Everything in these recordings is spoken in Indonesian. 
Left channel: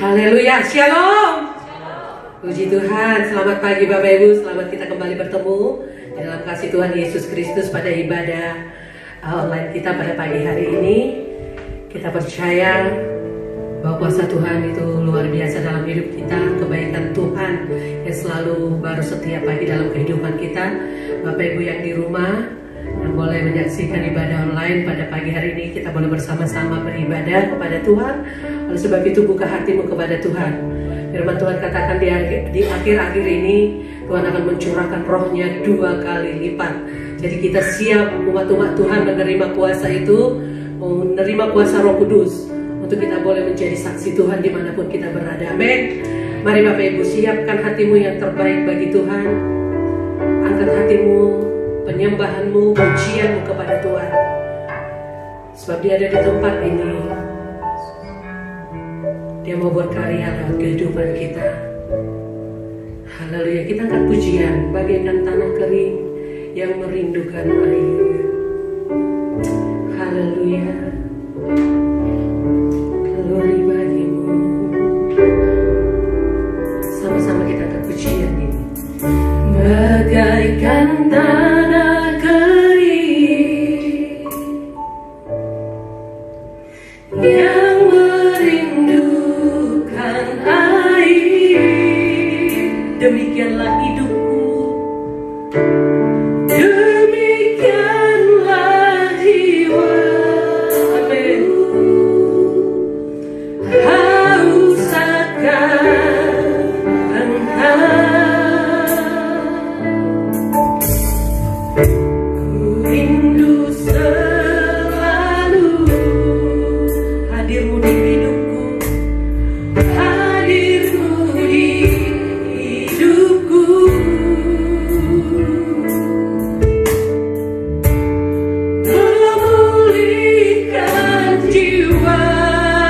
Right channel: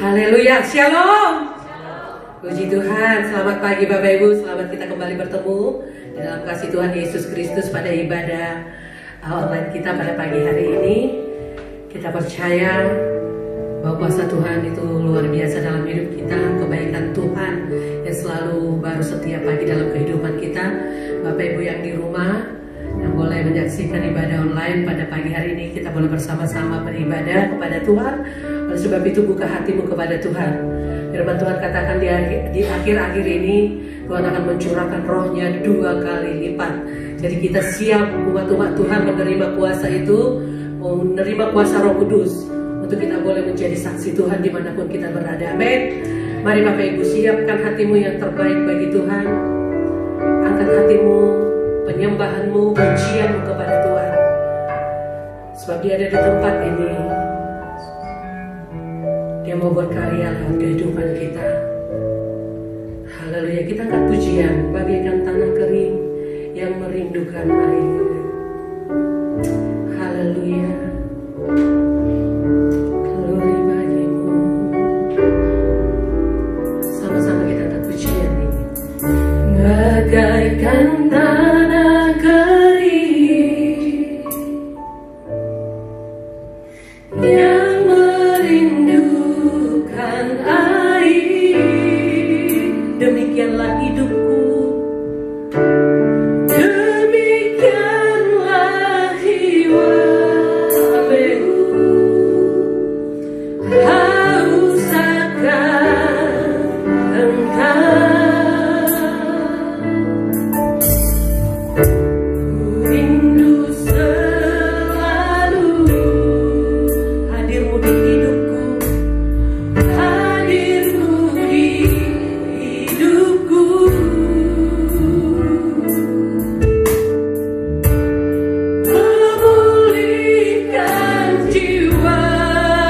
Haleluya, shalom. Puji Tuhan, selamat pagi Bapak Ibu, selamat kita kembali bertemu di dalam kasih Tuhan Yesus Kristus pada ibadah online kita pada pagi hari ini. Kita percaya bahwa kuasa Tuhan itu luar biasa dalam hidup kita, kebaikan Tuhan yang selalu baru setiap pagi dalam kehidupan kita. Bapak Ibu yang di rumah yang boleh menyaksikan ibadah online pada pagi hari ini, kita boleh bersama-sama beribadah kepada Tuhan. Oleh sebab itu buka hatimu kepada Tuhan. Firman Tuhan katakan di akhir-akhir ini Tuhan akan mencurahkan rohnya 2 kali lipat. Jadi kita siap umat-umat Tuhan menerima kuasa itu, menerima kuasa Roh Kudus untuk kita boleh menjadi saksi Tuhan dimanapun kita berada. Amin. Mari Bapak Ibu, siapkan hatimu yang terbaik bagi Tuhan. Angkat hatimu, penyembahanmu, pujianmu kepada Tuhan. Sebab Dia ada di tempat ini. Dia mau berkarya dalam kehidupan kita. Haleluya, kita angkat pujian bagaikan tanah kering yang merindukan air. Haleluya. Glory bagimu. Sama-sama kita angkat pujian ini. Bagaikan tanah kering yang merindukan air, demikianlah hidupku, demikianlah jiwa. Amin. Haus akan Engkau, ku rindu selalu hadirmu di hidupku, hadirmu di hidupku. Memulihkan jiwaku,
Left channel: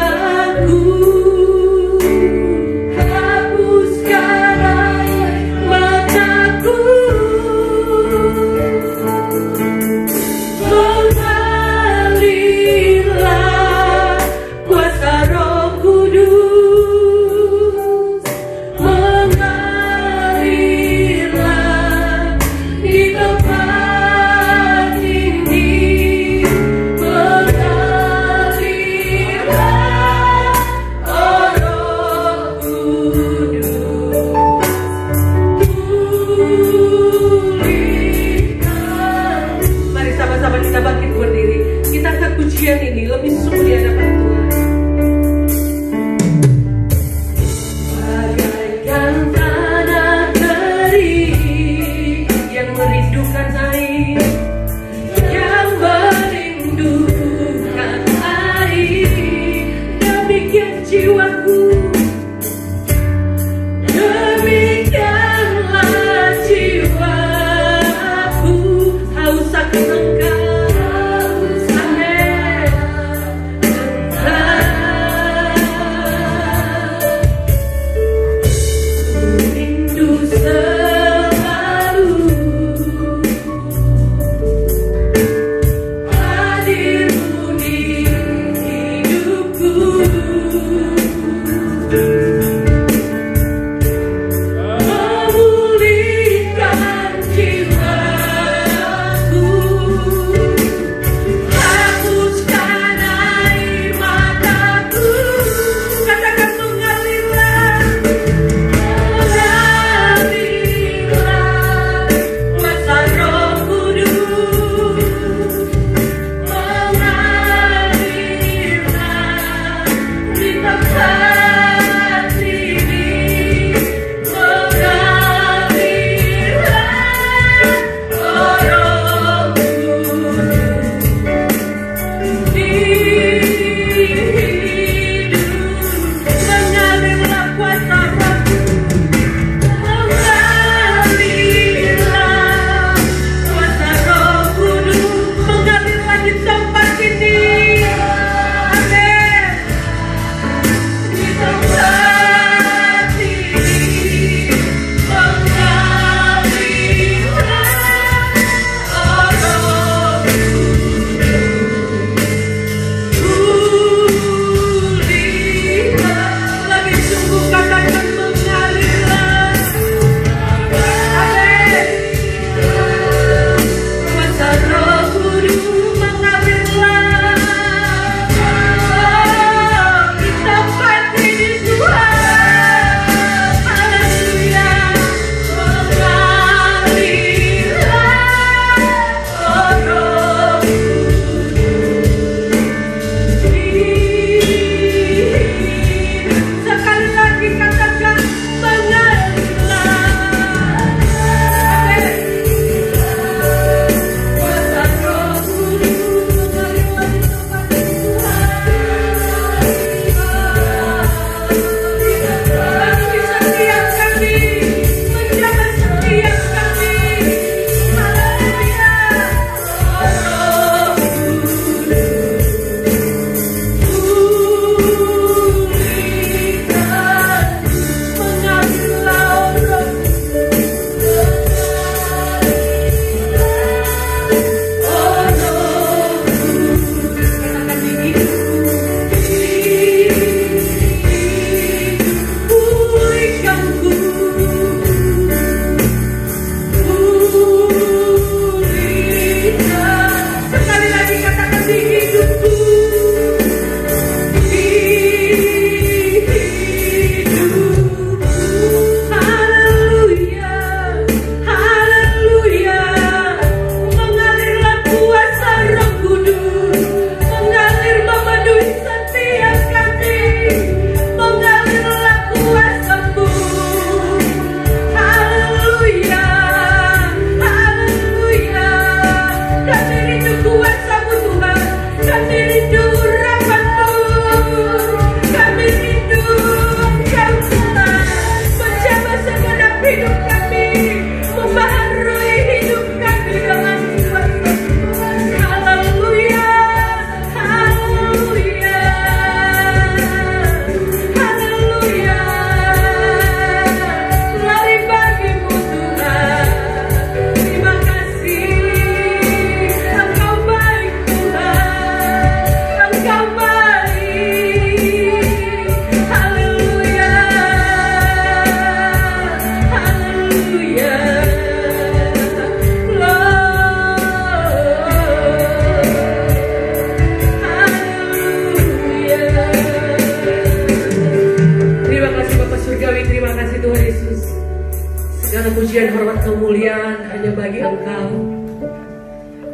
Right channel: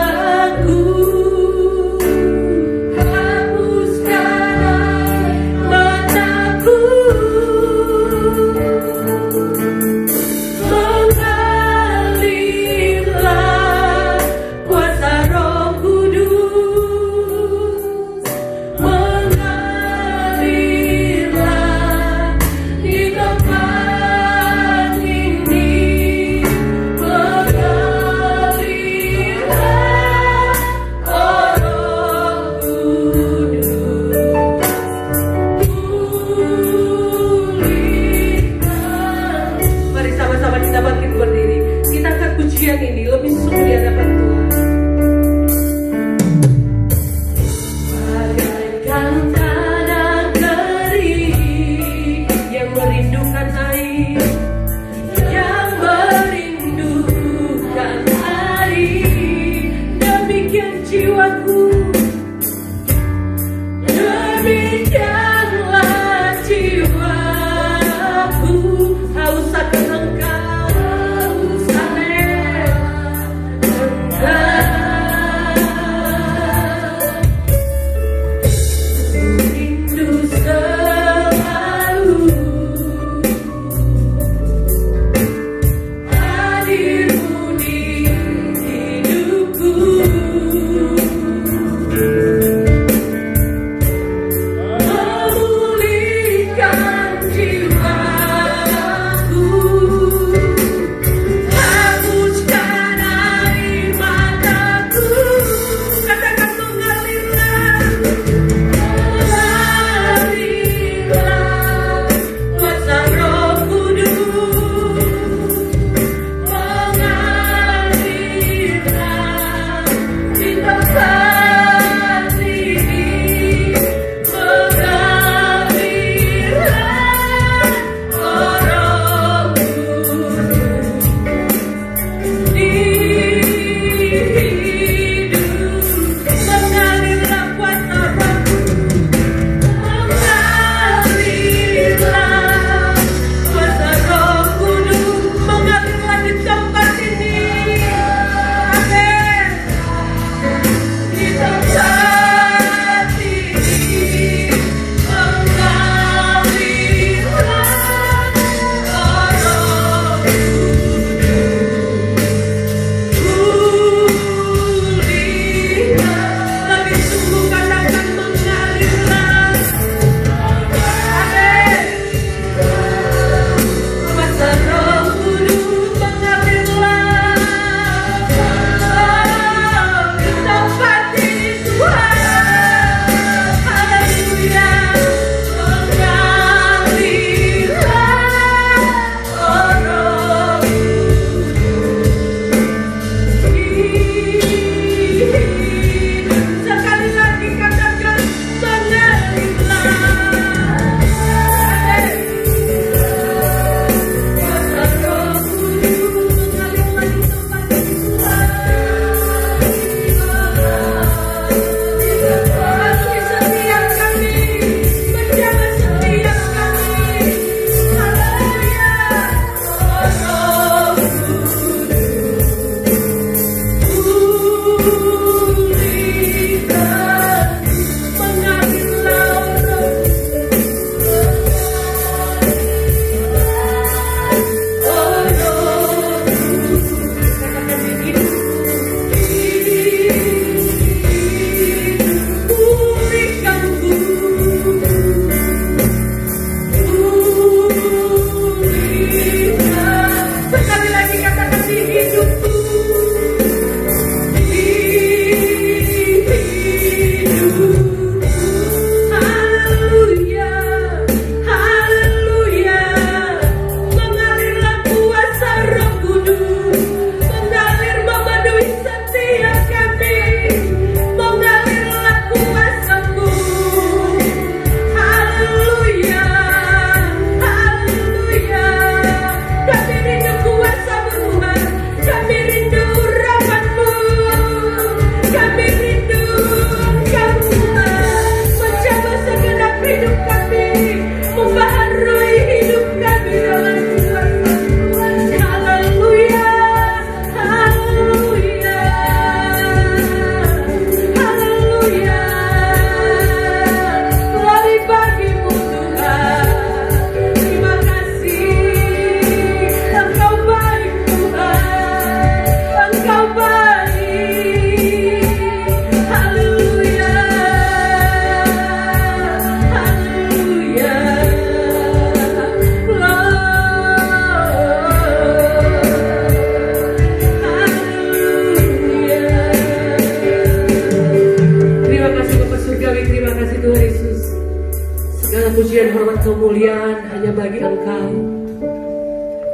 segala pujian, hormat, kemuliaan hanya bagi Engkau.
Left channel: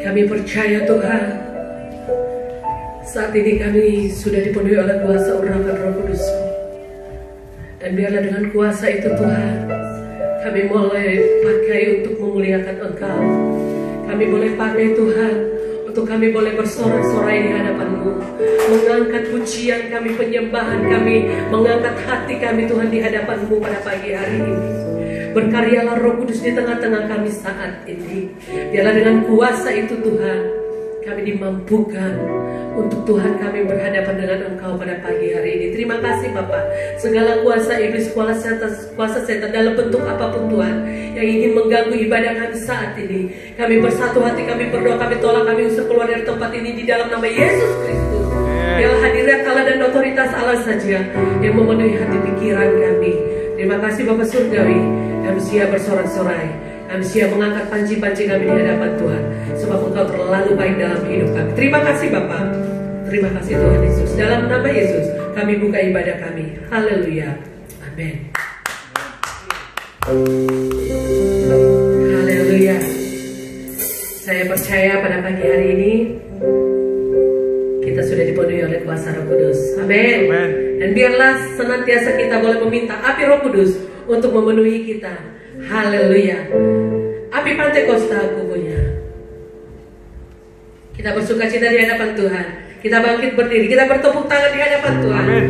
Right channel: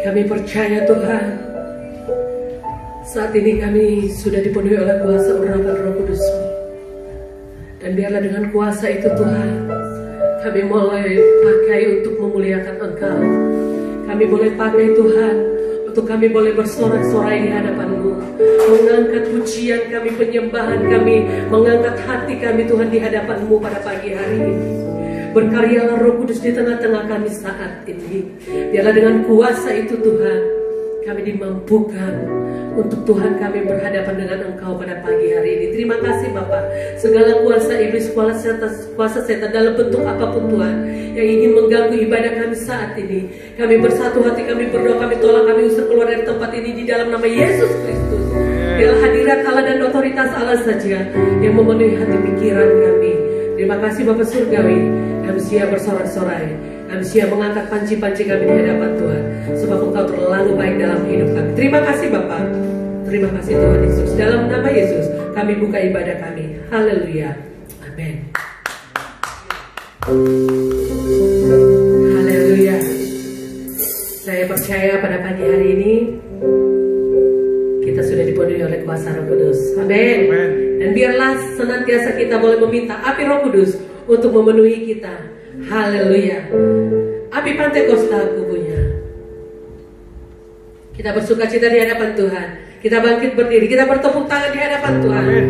Kami percaya Tuhan, saat ini kami sudah dipenuhi oleh kuasa urapan Roh Kudus. Dan biarlah dengan kuasa itu Tuhan, kami boleh pakai untuk memuliakan Engkau. Kami boleh pakai Tuhan untuk kami boleh bersorak-sorai di hadapan-Mu, mengangkat pujian kami, penyembahan kami, mengangkat hati kami Tuhan di hadapan-Mu pada pagi hari ini. Berkaryalah Roh Kudus di tengah-tengah kami saat ini. Biarlah dengan kuasa itu Tuhan, kami dimampukan untuk Tuhan kami berhadapan dengan Engkau pada pagi hari ini. Terima kasih Bapak. Segala kuasa iblis, kuasa setan dalam bentuk apapun Tuhan yang ingin mengganggu ibadah kami saat ini, kami bersatu hati, kami berdoa, kami tolak, kami usir keluar dari tempat ini di dalam nama Yesus Kristus. Biarlah hadirat Allah dan otoritas Allah saja yang memenuhi hati pikiran kami. Terima kasih Bapak Surgawi. Kami siap bersorak-sorai, kami siap mengangkat panci-panci kami di hadapan Tuhan, sebab Engkau terlalu baik dalam hidup kami. Terima kasih Bapak. Terima kasih Tuhan Yesus. Dalam nama Yesus kami buka ibadah kami. Haleluya. Amin. Haleluya. Saya percaya pada pagi hari ini kita sudah dipenuhi oleh kuasa Roh Kudus. Amin. Dan biarlah senantiasa kita boleh meminta api Roh Kudus untuk memenuhi kita. Haleluya. Api Pantekosta kubunya. Kita bersuka cita di hadapan Tuhan. Kita bangkit berdiri, kita bertepuk tangan di hadapan Tuhan. Amin.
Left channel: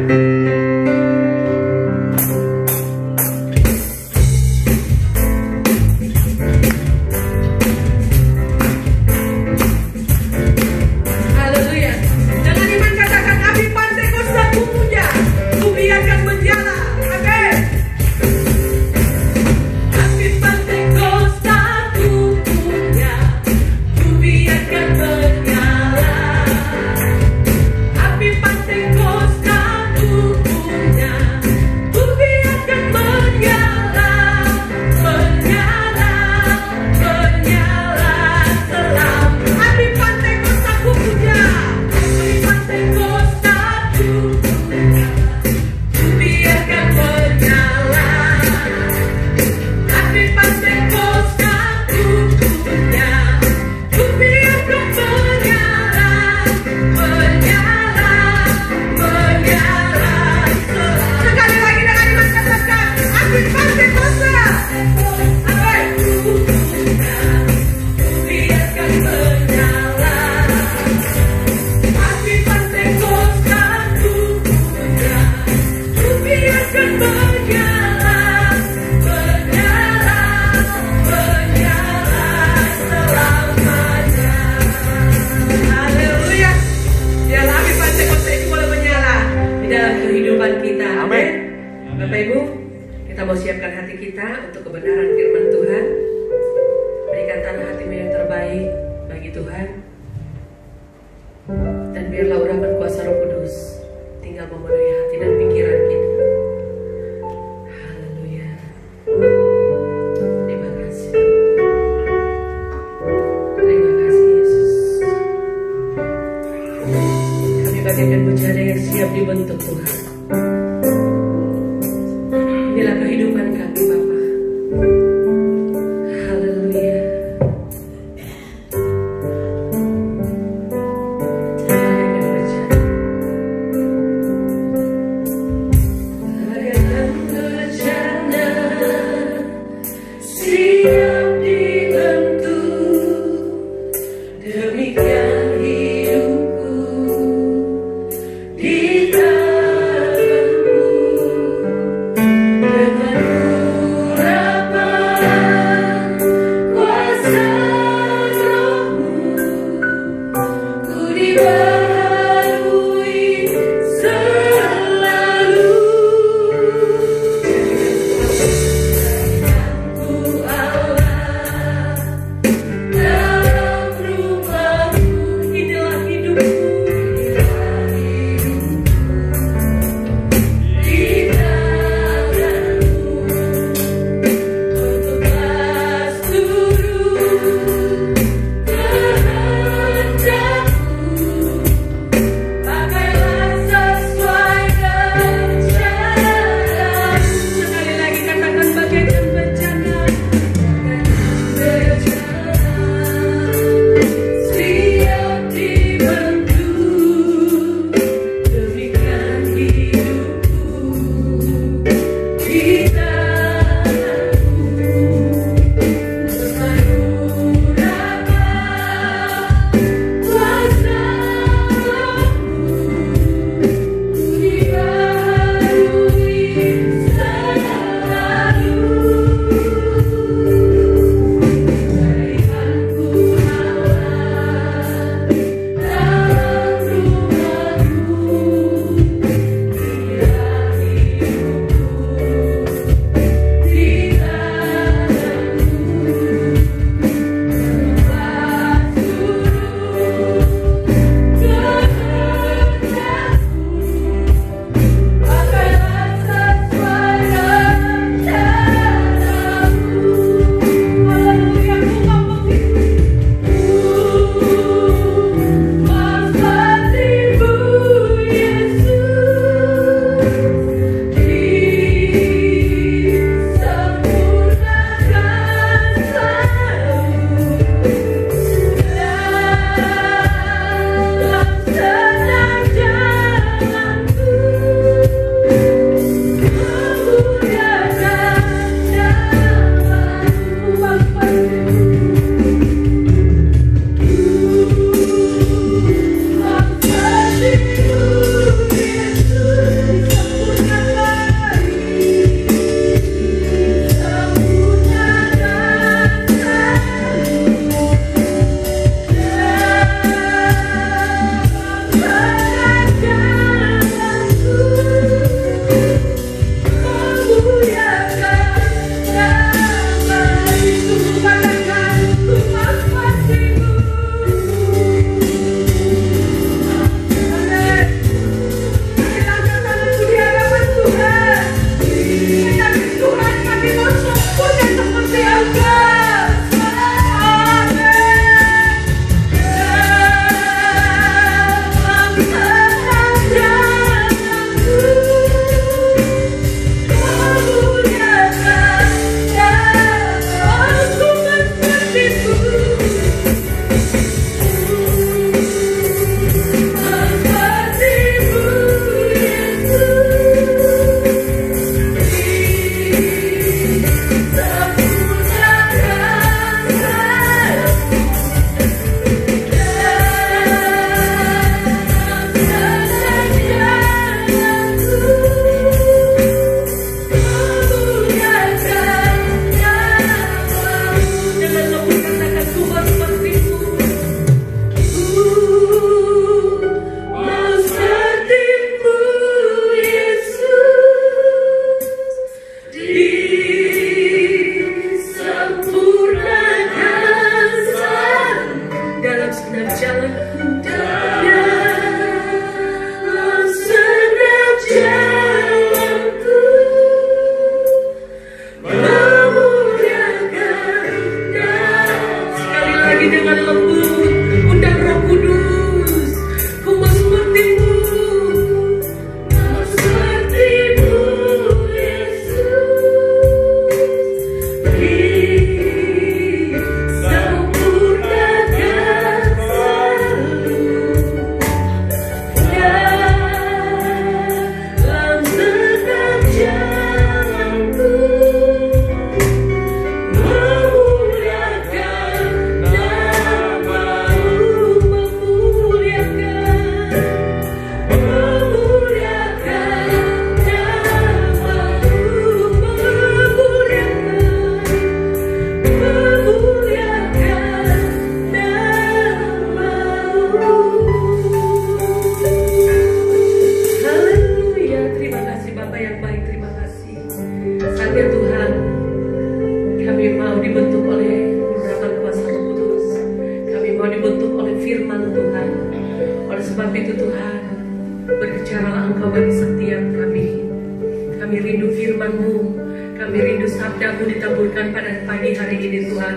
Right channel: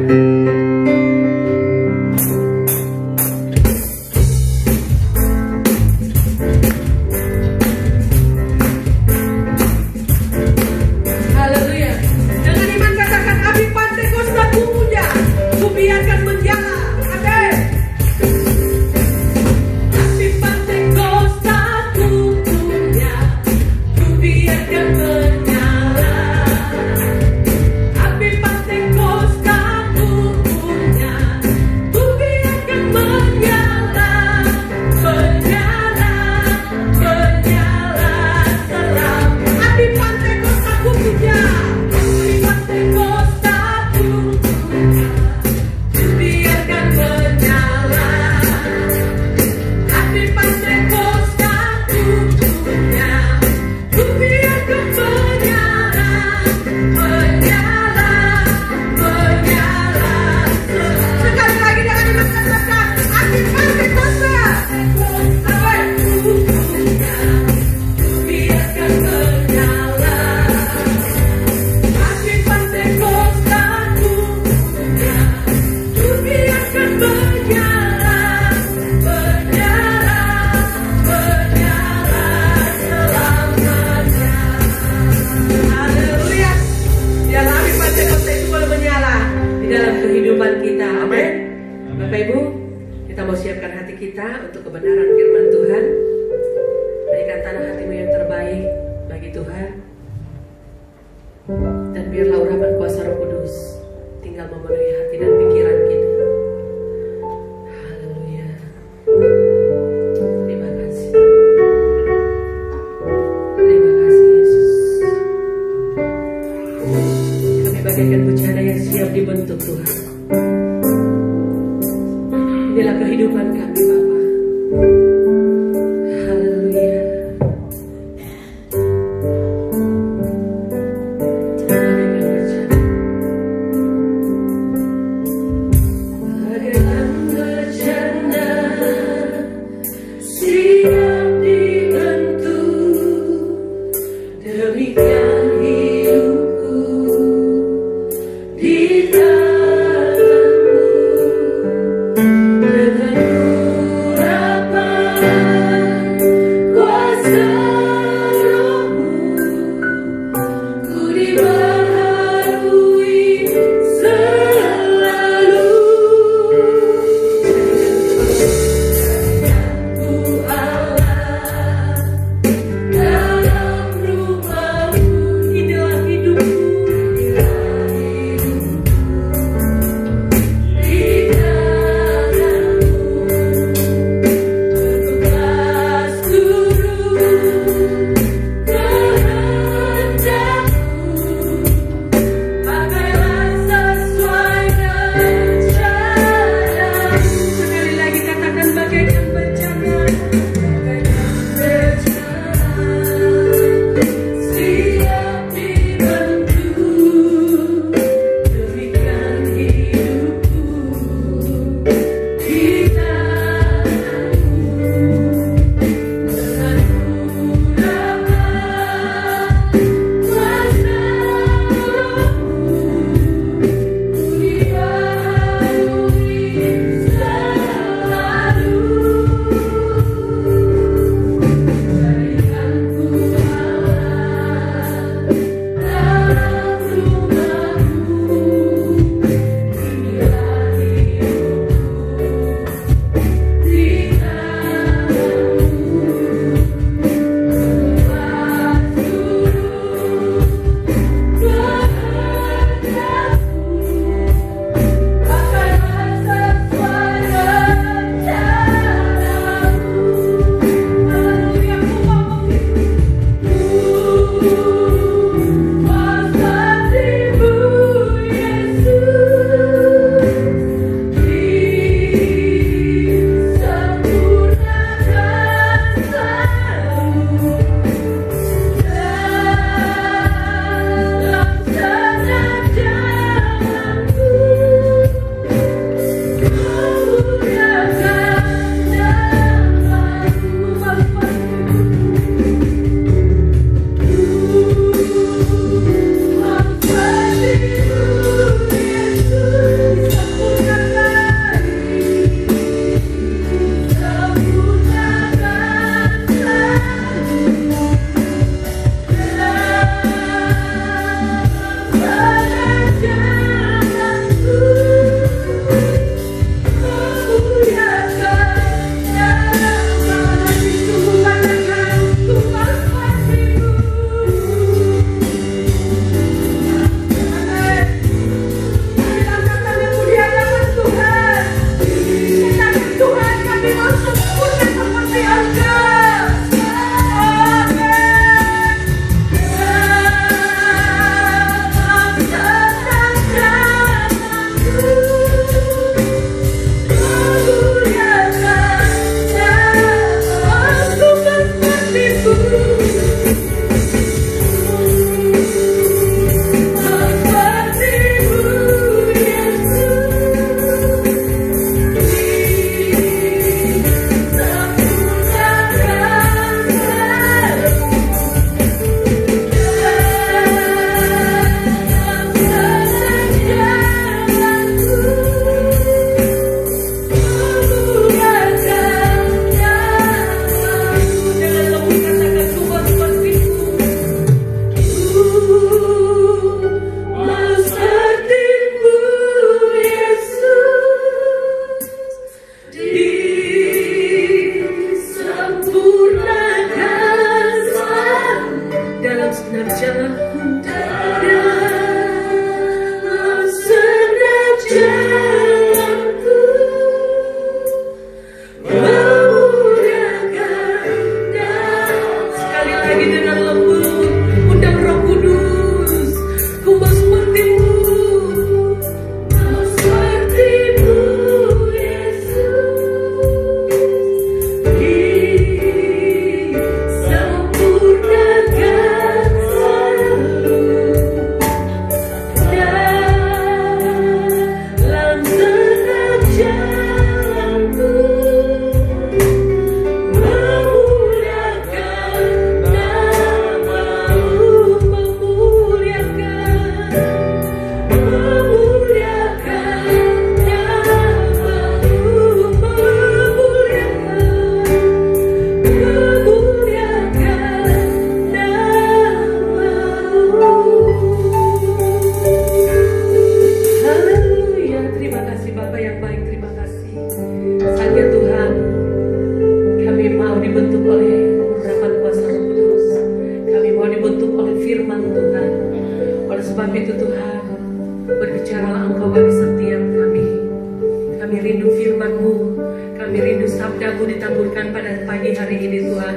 kehendak-Nya pada pagi hari ini Tuhan,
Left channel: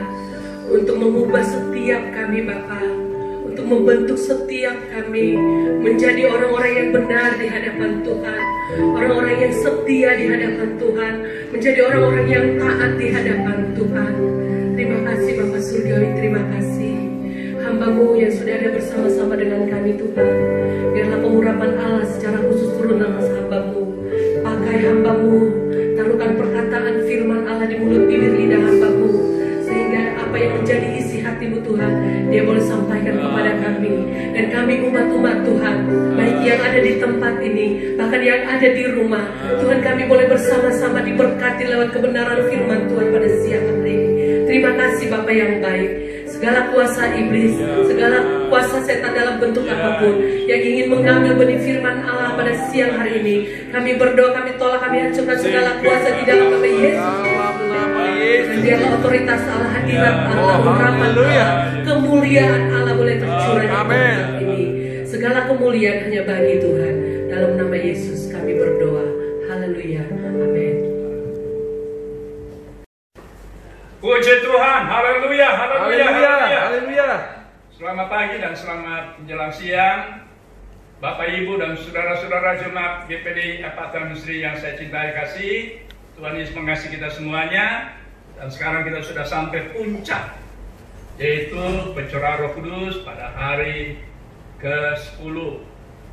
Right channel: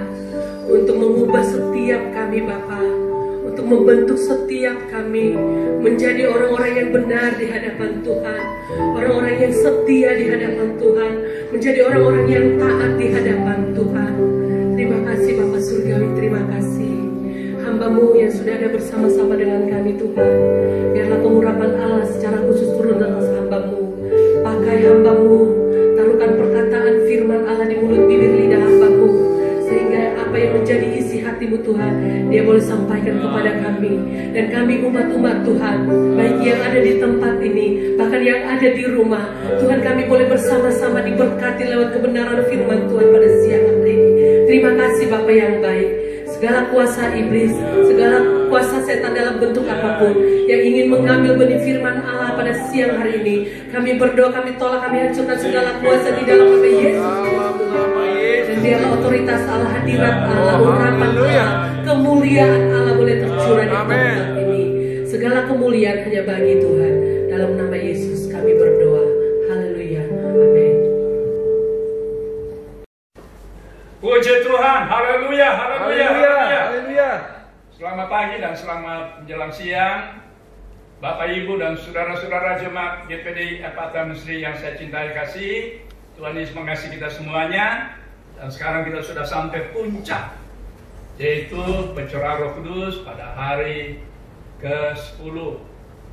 untuk mengubah setiap kami Bapa, untuk membentuk setiap kami menjadi orang-orang yang benar di hadapan Tuhan, orang-orang yang setia di hadapan Tuhan, menjadi orang-orang yang taat di hadapan Tuhan. Terima kasih Bapa Surgawi, terima kasih hamba-Mu yang sudah ada bersama-sama dengan kami Tuhan. Biarlah pengurapan Allah secara khusus turun atas hamba-Mu. Pakai hamba-Mu, taruhkan perkataan firman Allah di mulut bibir lidah hamba-Mu, sehingga apa yang menjadi isi hati-Mu Tuhan, Dia boleh sampaikan kepada kami. Dan kami umat-umat Tuhan, baik yang ada di tempat ini, bahkan yang ada di rumah, Tuhan, kami boleh bersama-sama diberkati lewat kebenaran firman Tuhan pada siang hari ini. Terima kasih Bapa yang baik. Segala kuasa iblis, segala kuasa setan dalam bentuk apapun yang ingin mengambil benih firman Allah pada siang hari ini, kami berdoa, kami tolak, kami hancurkan segala kuasa di dalam nama Yesus. Dan biarlah otoritas Allah, hadirat Allah, urapan kemuliaan Allah boleh tercurah di tempat ini. Segala kemuliaan hanya bagi Tuhan. Dalam nama Yesus kami berdoa. Haleluya. Amin. Puji Tuhan, haleluya, haleluya, haleluya, haleluya. Selamat pagi dan selamat menjelang siang, Bapak Ibu dan saudara-saudara jemaat GPD Epatan Sri yang saya cintai kasih. Tuhan Yesus mengasihi kita semuanya. Dan sekarang kita sudah sampai puncak, yaitu pencurahan Roh Kudus pada hari ke-10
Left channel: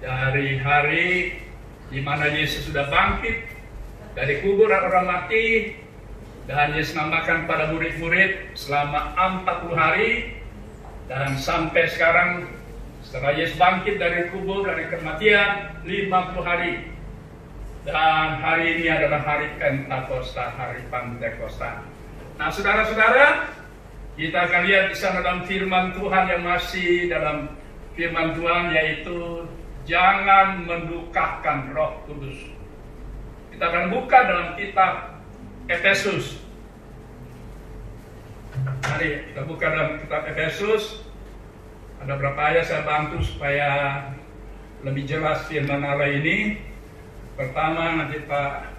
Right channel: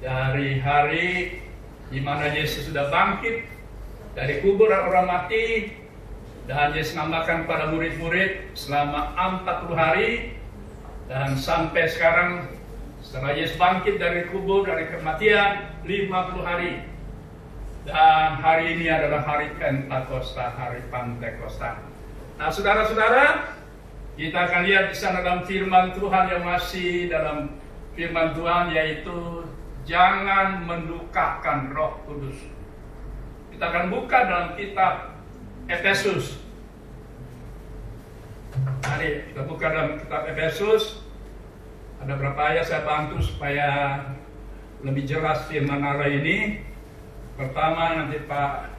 dari hari di mana Yesus sudah bangkit dari kubur orang mati. Dan Yesus namakan pada murid-murid selama 40 hari. Dan sampai sekarang setelah Yesus bangkit dari kubur, dari kematian, 50 hari. Dan hari ini adalah hari Pentakosta, hari Pentakosta. Nah saudara-saudara, kita akan lihat di sana dalam firman Tuhan yang masih dalam firman Tuhan, yaitu jangan mendukakan Roh Kudus. Kita akan buka dalam kitab Efesus. Mari kita buka dalam kitab Efesus. Ada berapa ayat saya bantu supaya lebih jelas firman Allah ini. Pertama nanti Pak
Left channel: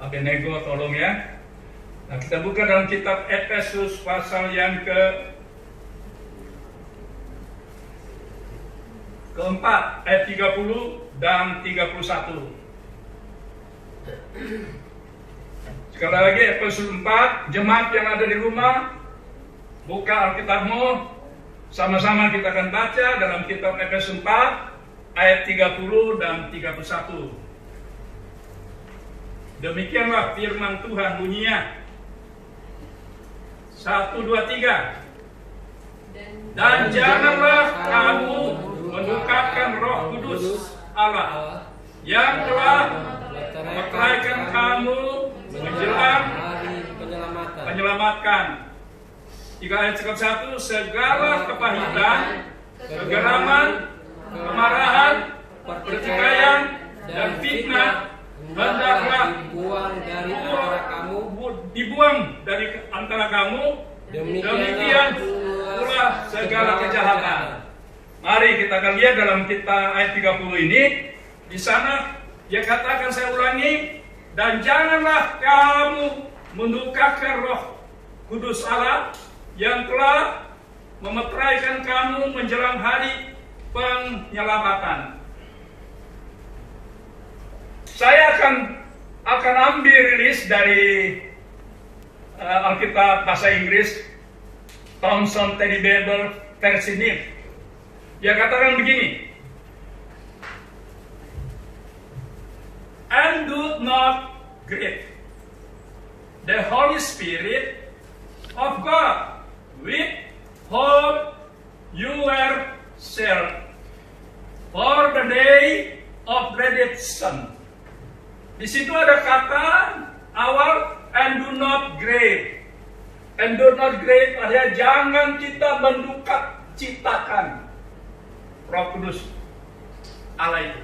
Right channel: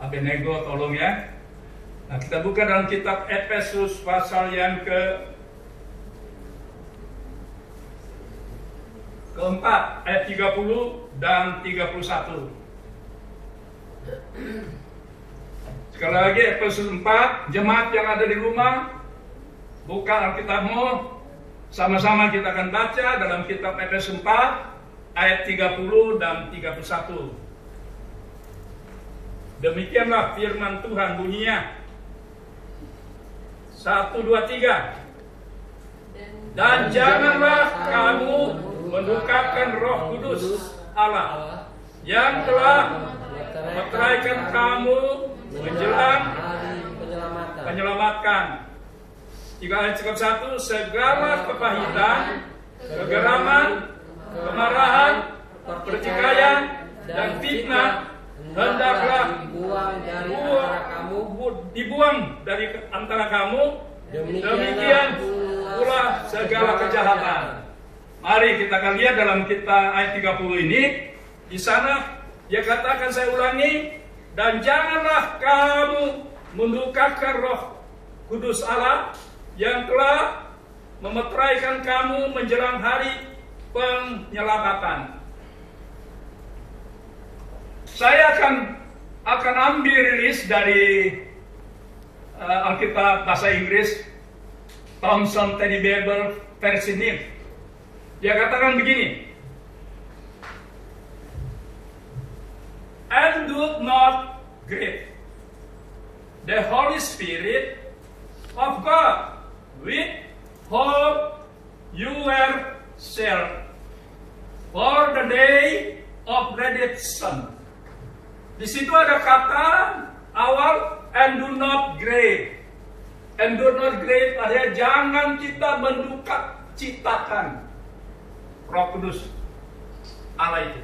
Abenego tolong ya. Nah kita buka dalam kitab Efesus pasal yang keempat ayat 30 dan 31. Sekali lagi Efesus 4, jemaat yang ada di rumah, buka Alkitabmu, sama-sama kita akan baca dalam kitab Efesus 4 ayat 30 dan 31. Demikianlah firman Tuhan bunyinya. 1, 2, 3. Dan janganlah kamu mendukakan Roh Kudus Allah yang telah meteraikan kamu menjelang penyelamatkan. 3 ayat 1, segala kepahitan, kegeraman, kemarahan, pertikaian, dan fitnah hendaklah dibuang dari antara kamu. Demikian pula segala kejahatan. Mari kita akan lihat dalam kitab ayat 30 ini. Di sana dia katakan, saya ulangi, dan janganlah kamu mendukakan Roh Kudus Allah yang telah memeteraikan kamu menjelang hari penyelamatan. Saya akan ambil rilis dari Alkitab bahasa Inggris, Thomson Teddy Bible versi NIV. Dia katakan begini, and do not grieve the Holy Spirit of God, with whom you were sealed for the day of redemption. Di situ ada kata awal, and do not grieve. And do not grieve artinya jangan kita menduka citakan Roh Kudus Allah itu.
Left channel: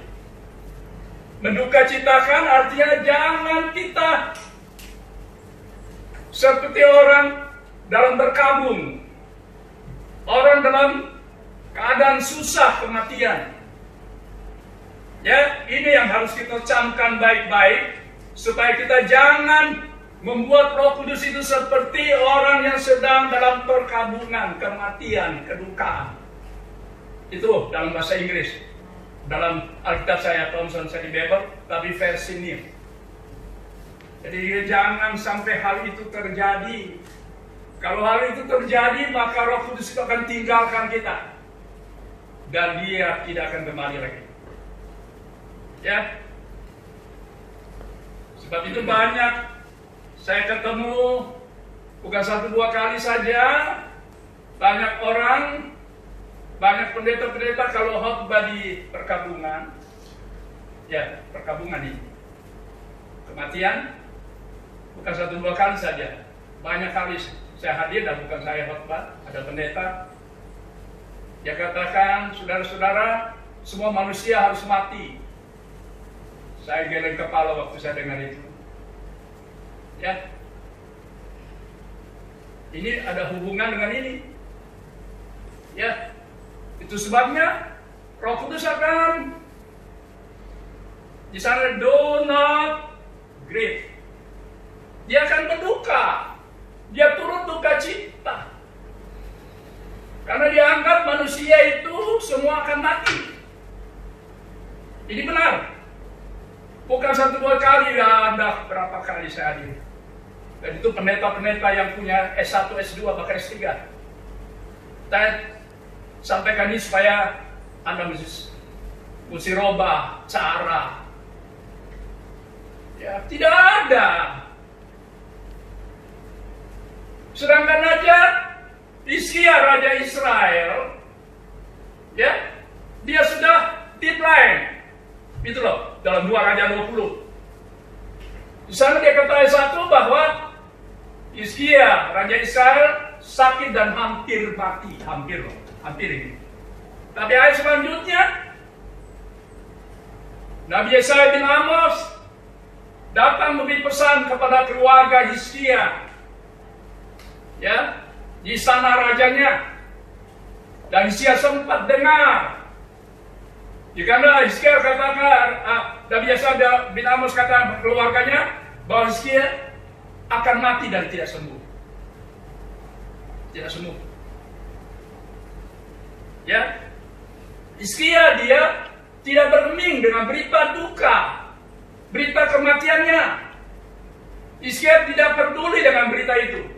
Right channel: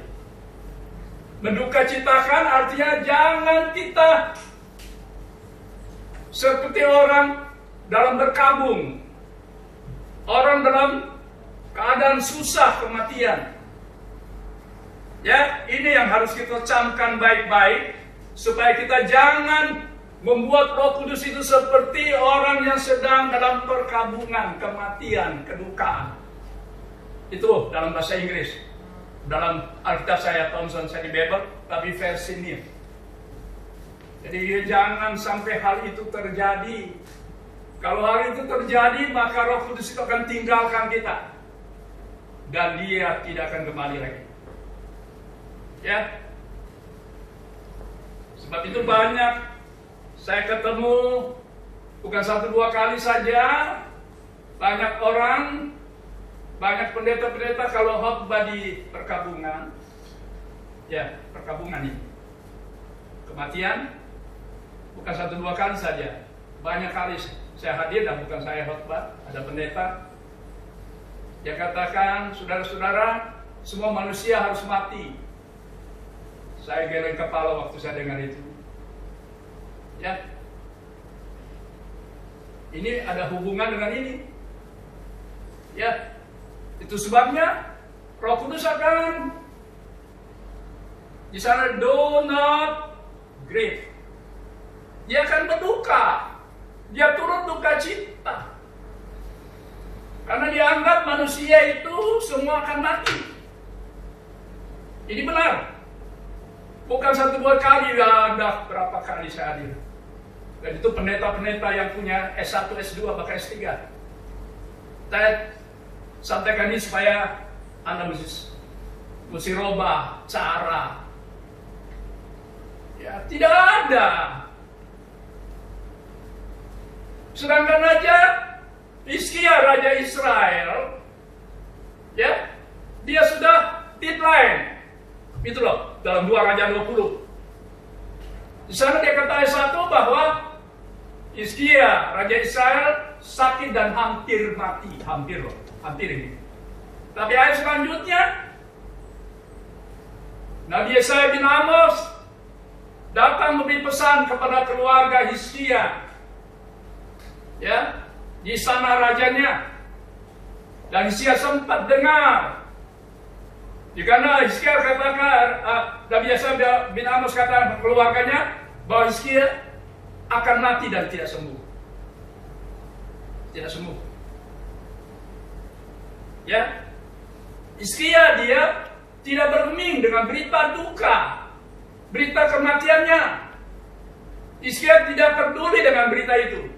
Menduka citakan artinya jangan kita seperti orang dalam berkabung, orang dalam keadaan susah kematian. Ya, ini yang harus kita camkan baik-baik supaya kita jangan Membuat Roh Kudus itu seperti orang yang sedang dalam perkabungan, kematian, kedukaan. Itu dalam bahasa Inggris. Dalam Alkitab saya, Thomson City Bible, tapi versi New. Jadi jangan sampai hal itu terjadi. Kalau hal itu terjadi, maka Roh Kudus itu akan tinggalkan kita. Dan dia tidak akan kembali lagi. Ya. Sebab itu banyak saya ketemu, bukan 1-2 kali saja, banyak orang, banyak pendeta-pendeta kalau khotbah di perkabungan, ya perkabungan ini, kematian, bukan 1-2 kali saja, banyak kali saya hadir dan bukan saya khotbah, ada pendeta, dia katakan, saudara-saudara, semua manusia harus mati. Saya geleng kepala waktu saya dengar itu. Ya, ini ada hubungan dengan ini. Ya, itu sebabnya Roh Kudus akan di sana do not grieve. Dia akan berduka. Dia turut duka cita. Karena dia anggap manusia itu semua akan mati. Ini benar. Bukan 1-2 kali, ada berapa kali saya hadir. Dan itu pendeta-pendeta yang punya S1, S2, bahkan S3. Saya sampaikan ini supaya Anda mesti robah cara. Ya, tidak ada. Sedangkan aja Hizkia, Raja Israel, ya, dia sudah decline. Itu loh, dalam 2 Raja 20. Di sana dia kata ayat 1 bahwa Hizkia, Raja Israel, sakit dan hampir mati. Hampir loh, hampir ini. Tapi ayat selanjutnya, Nabi Yesaya bin Amos datang memberi pesan kepada keluarga Hizkia. Ya, di sana rajanya. Dan Hizkia sempat dengar. Jika Hizkia katakan, Nabi Yesaya bin Amos kata keluarganya bahwa Hizkia akan mati dan tidak sembuh. Tidak sembuh. Ya, Hizkia dia tidak bergeming dengan berita duka, berita kematiannya. Hizkia tidak peduli dengan berita itu.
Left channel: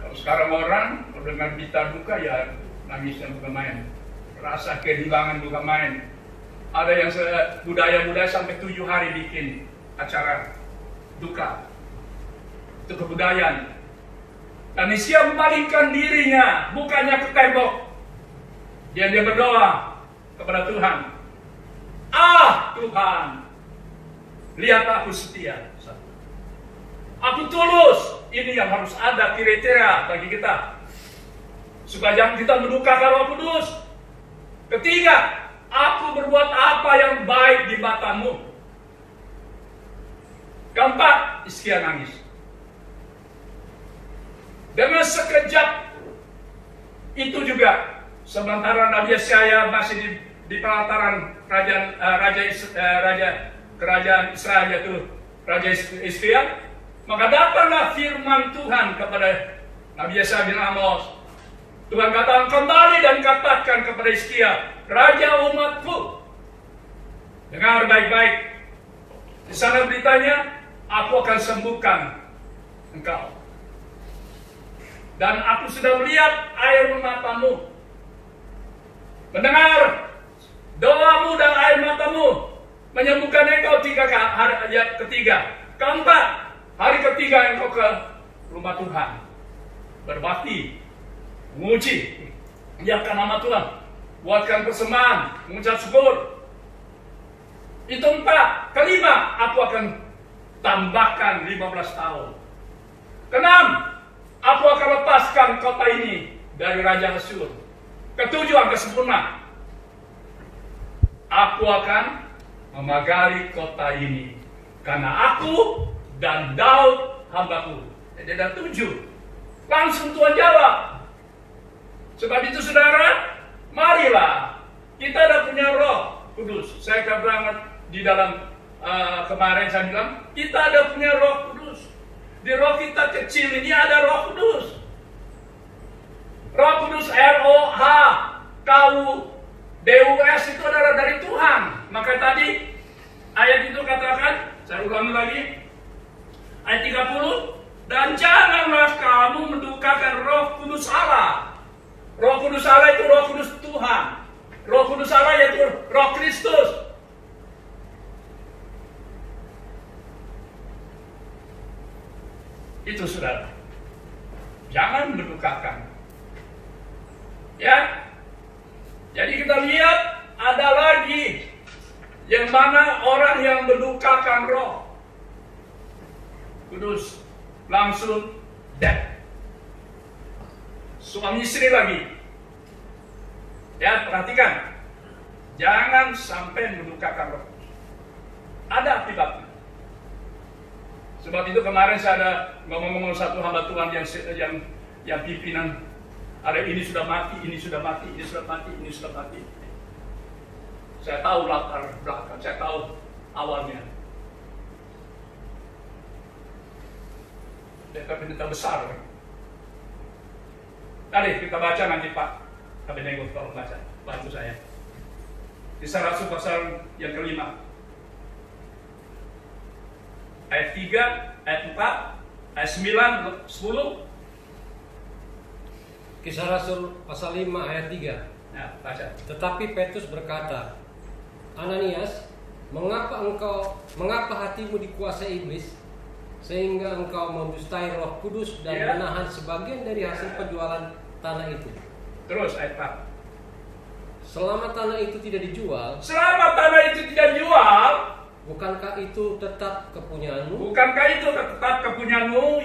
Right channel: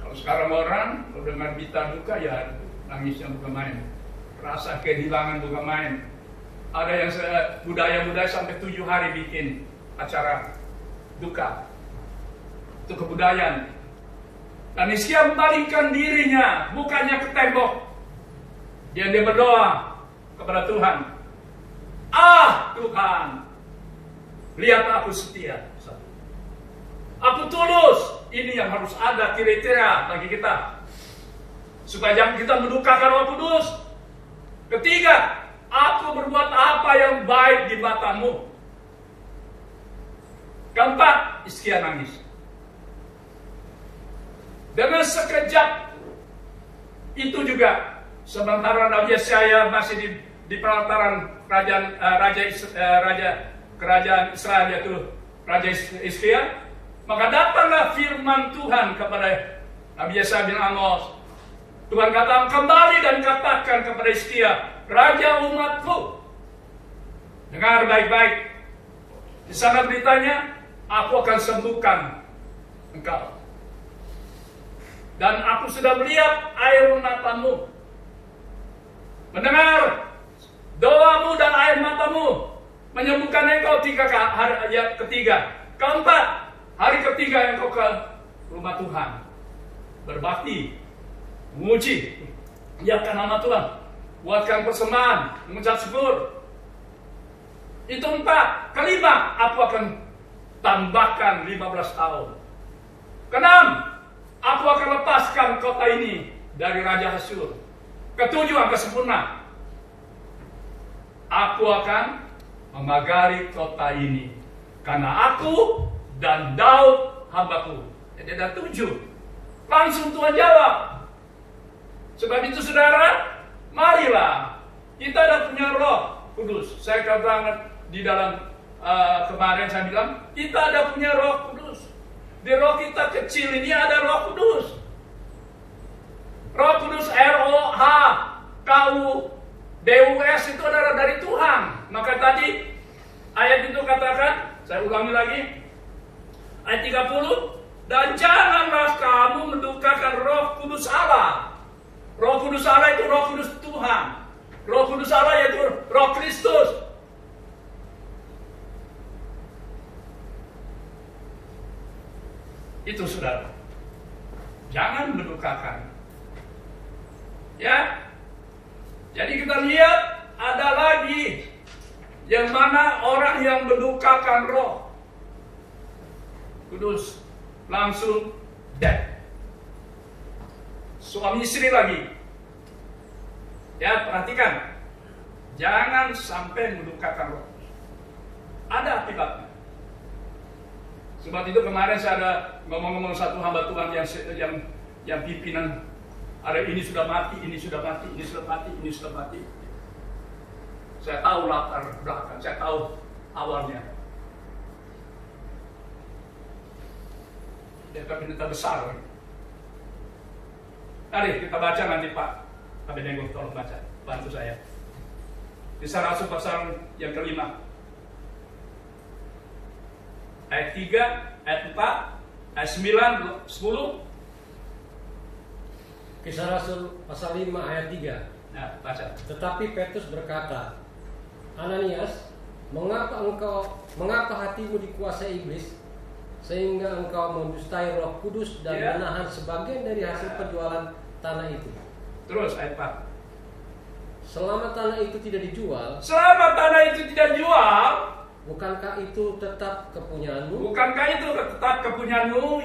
Kalau sekarang orang kalau dengan berita duka ya nangisnya bukan main. Rasa kehilangan bukan main. Ada yang budaya-budaya sampai 7 hari bikin acara duka. Itu kebudayaan. Dan Hizkia memalingkan dirinya, bukannya ke tembok. Dia berdoa kepada Tuhan. Tuhan, lihat aku setia. Aku tulus. Ini yang harus ada kriteria bagi kita. Supaya jangan kita mendukakan Roh Kudus. Ketiga, aku berbuat apa yang baik di matamu. Keempat, Hizkia nangis. Dengan sekejap itu juga, sementara Nabi Yesaya masih di pelataran kerajaan Israel, yaitu Raja Hizkia, maka datanglah firman Tuhan kepada Nabi Yesaya bin Amos. Tuhan katakan, kembali dan katakan kepada Hizkia, raja umatku, dengar baik-baik. Di sana beritanya, aku akan sembuhkan engkau. Dan aku sudah melihat air matamu, mendengar doamu dan air matamu, menyembuhkan engkau 3 hari ketiga. Keempat, hari ketiga engkau ke rumah Tuhan, berbakti, menguji, menyiapkan nama Tuhan, buatkan persembahan, mengucap syukur. Itu 4. Kelima, aku akan tambahkan 15 tahun. Keenam, aku akan lepaskan kota ini dari Raja Asyur. Ketujuh, yang kesempurna, aku akan memagari kota ini karena aku dan Daud hambaku. Jadi ada 7. Langsung Tuhan jawab. Sebab itu saudara, marilah kita ada punya Roh Kudus. Saya katakan di dalam kemarin saya bilang kita ada punya Roh Kudus. Di roh kita kecil ini ada Roh Kudus. Roh Kudus ROHKUDUS itu adalah dari Tuhan. Maka tadi ayat itu katakan, saya ulangi lagi, ayat 30, dan janganlah kamu mendukakan Roh Kudus Allah. Roh Kudus Allah itu Roh Kudus Tuhan. Roh Kudus Allah yaitu Roh Kristus. Itu saudara. Jangan mendukakan. Ya. Jadi kita lihat ada lagi yang mana orang yang mendukakan Roh Kudus langsung dead. Suami istri lagi. Ya, perhatikan. Jangan sampai mendukakan Roh Kudus. Ada akibatnya. Sebab itu kemarin saya ada ngomong-ngomong satu hamba Tuhan yang pimpinan, ada ini sudah mati, ini sudah mati, ini sudah mati, ini sudah mati. Saya tahu latar belakang, saya tahu awalnya. Mereka pendeta besar. Mari kita baca nanti Pak Abednego, tolong baca, bantu saya. Kisah Rasul pasal yang kelima. Ayat 3, ayat 4, ayat 9, 10. Kisah Rasul pasal 5 ayat 3. Nah, baca. Tetapi Petrus berkata, Ananias, mengapa hatimu dikuasai iblis, sehingga engkau mendustai Roh Kudus dan menahan sebagian dari hasil penjualan tanah itu? Terus ayat 4. Selama tanah itu tidak dijual, bukankah itu tetap kepunyaanmu?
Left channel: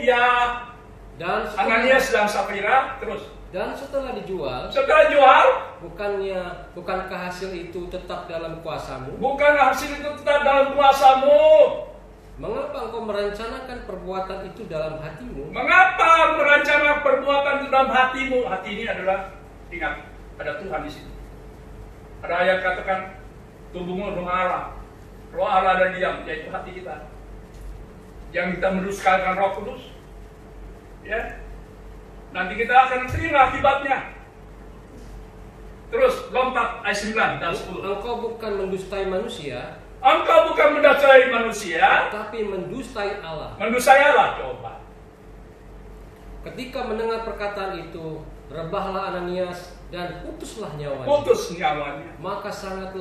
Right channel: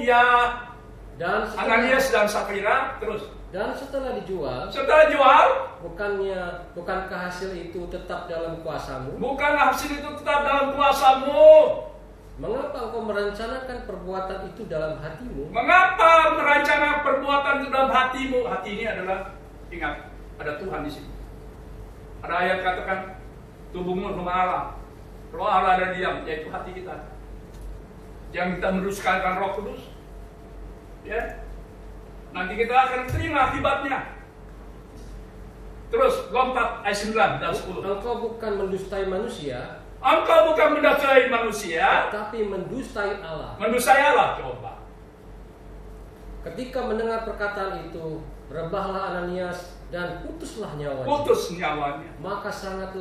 Ya. Dan Ananias dan Safira, terus. Dan setelah dijual, bukankah hasil itu tetap dalam kuasamu? Mengapa engkau merencanakan perbuatan itu dalam hatimu? Hati ini adalah, ingat, ada Tuhan di sini. Ada ayat katakan, tubuhmu rumah Allah. Roh Allah ada diam, yaitu hati kita. Yang kita merusakan Roh Kudus. Ya. Nanti kita akan terima akibatnya. Terus lompat ayat 9 dan 10. Engkau bukan mendustai manusia, tapi mendustai Allah. Coba. Ketika mendengar perkataan itu, rebahlah Ananias dan putuslah nyawanya. Maka sangat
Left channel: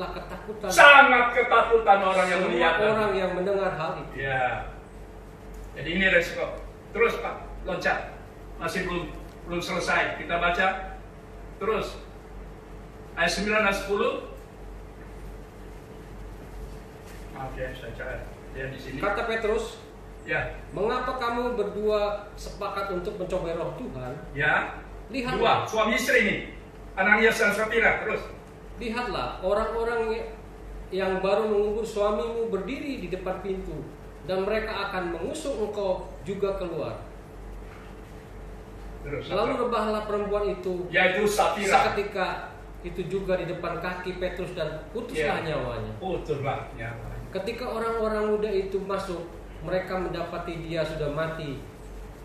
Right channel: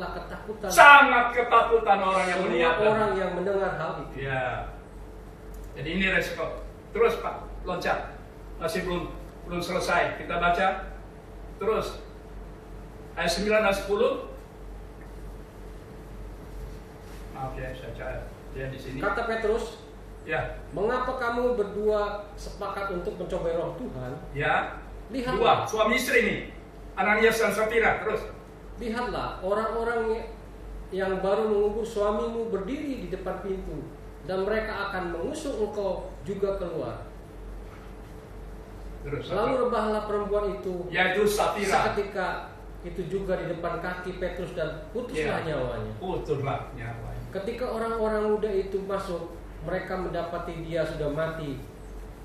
ketakutan orang yang melihat, orang yang mendengar hal itu. Ya. Jadi ini resiko. Terus Pak, loncat. Masih belum selesai. Kita baca. Terus ayat 9 dan 10. Oke, saya cari. Dia di sini. Kata Petrus, ya. Mengapa kamu berdua sepakat untuk mencobai Roh Tuhan? Ya. Lihatlah, dua suami istri ini, Ananias dan Safira. Terus. Lihatlah, orang-orang yang baru mengubur suamimu berdiri di depan pintu, dan mereka akan mengusung engkau juga keluar. Terus. Lalu rebahlah perempuan itu, yaitu Safira. Seketika itu juga di depan kaki Petrus dan putuslah nyawanya. Ketika orang-orang muda itu masuk, mereka mendapati dia sudah mati.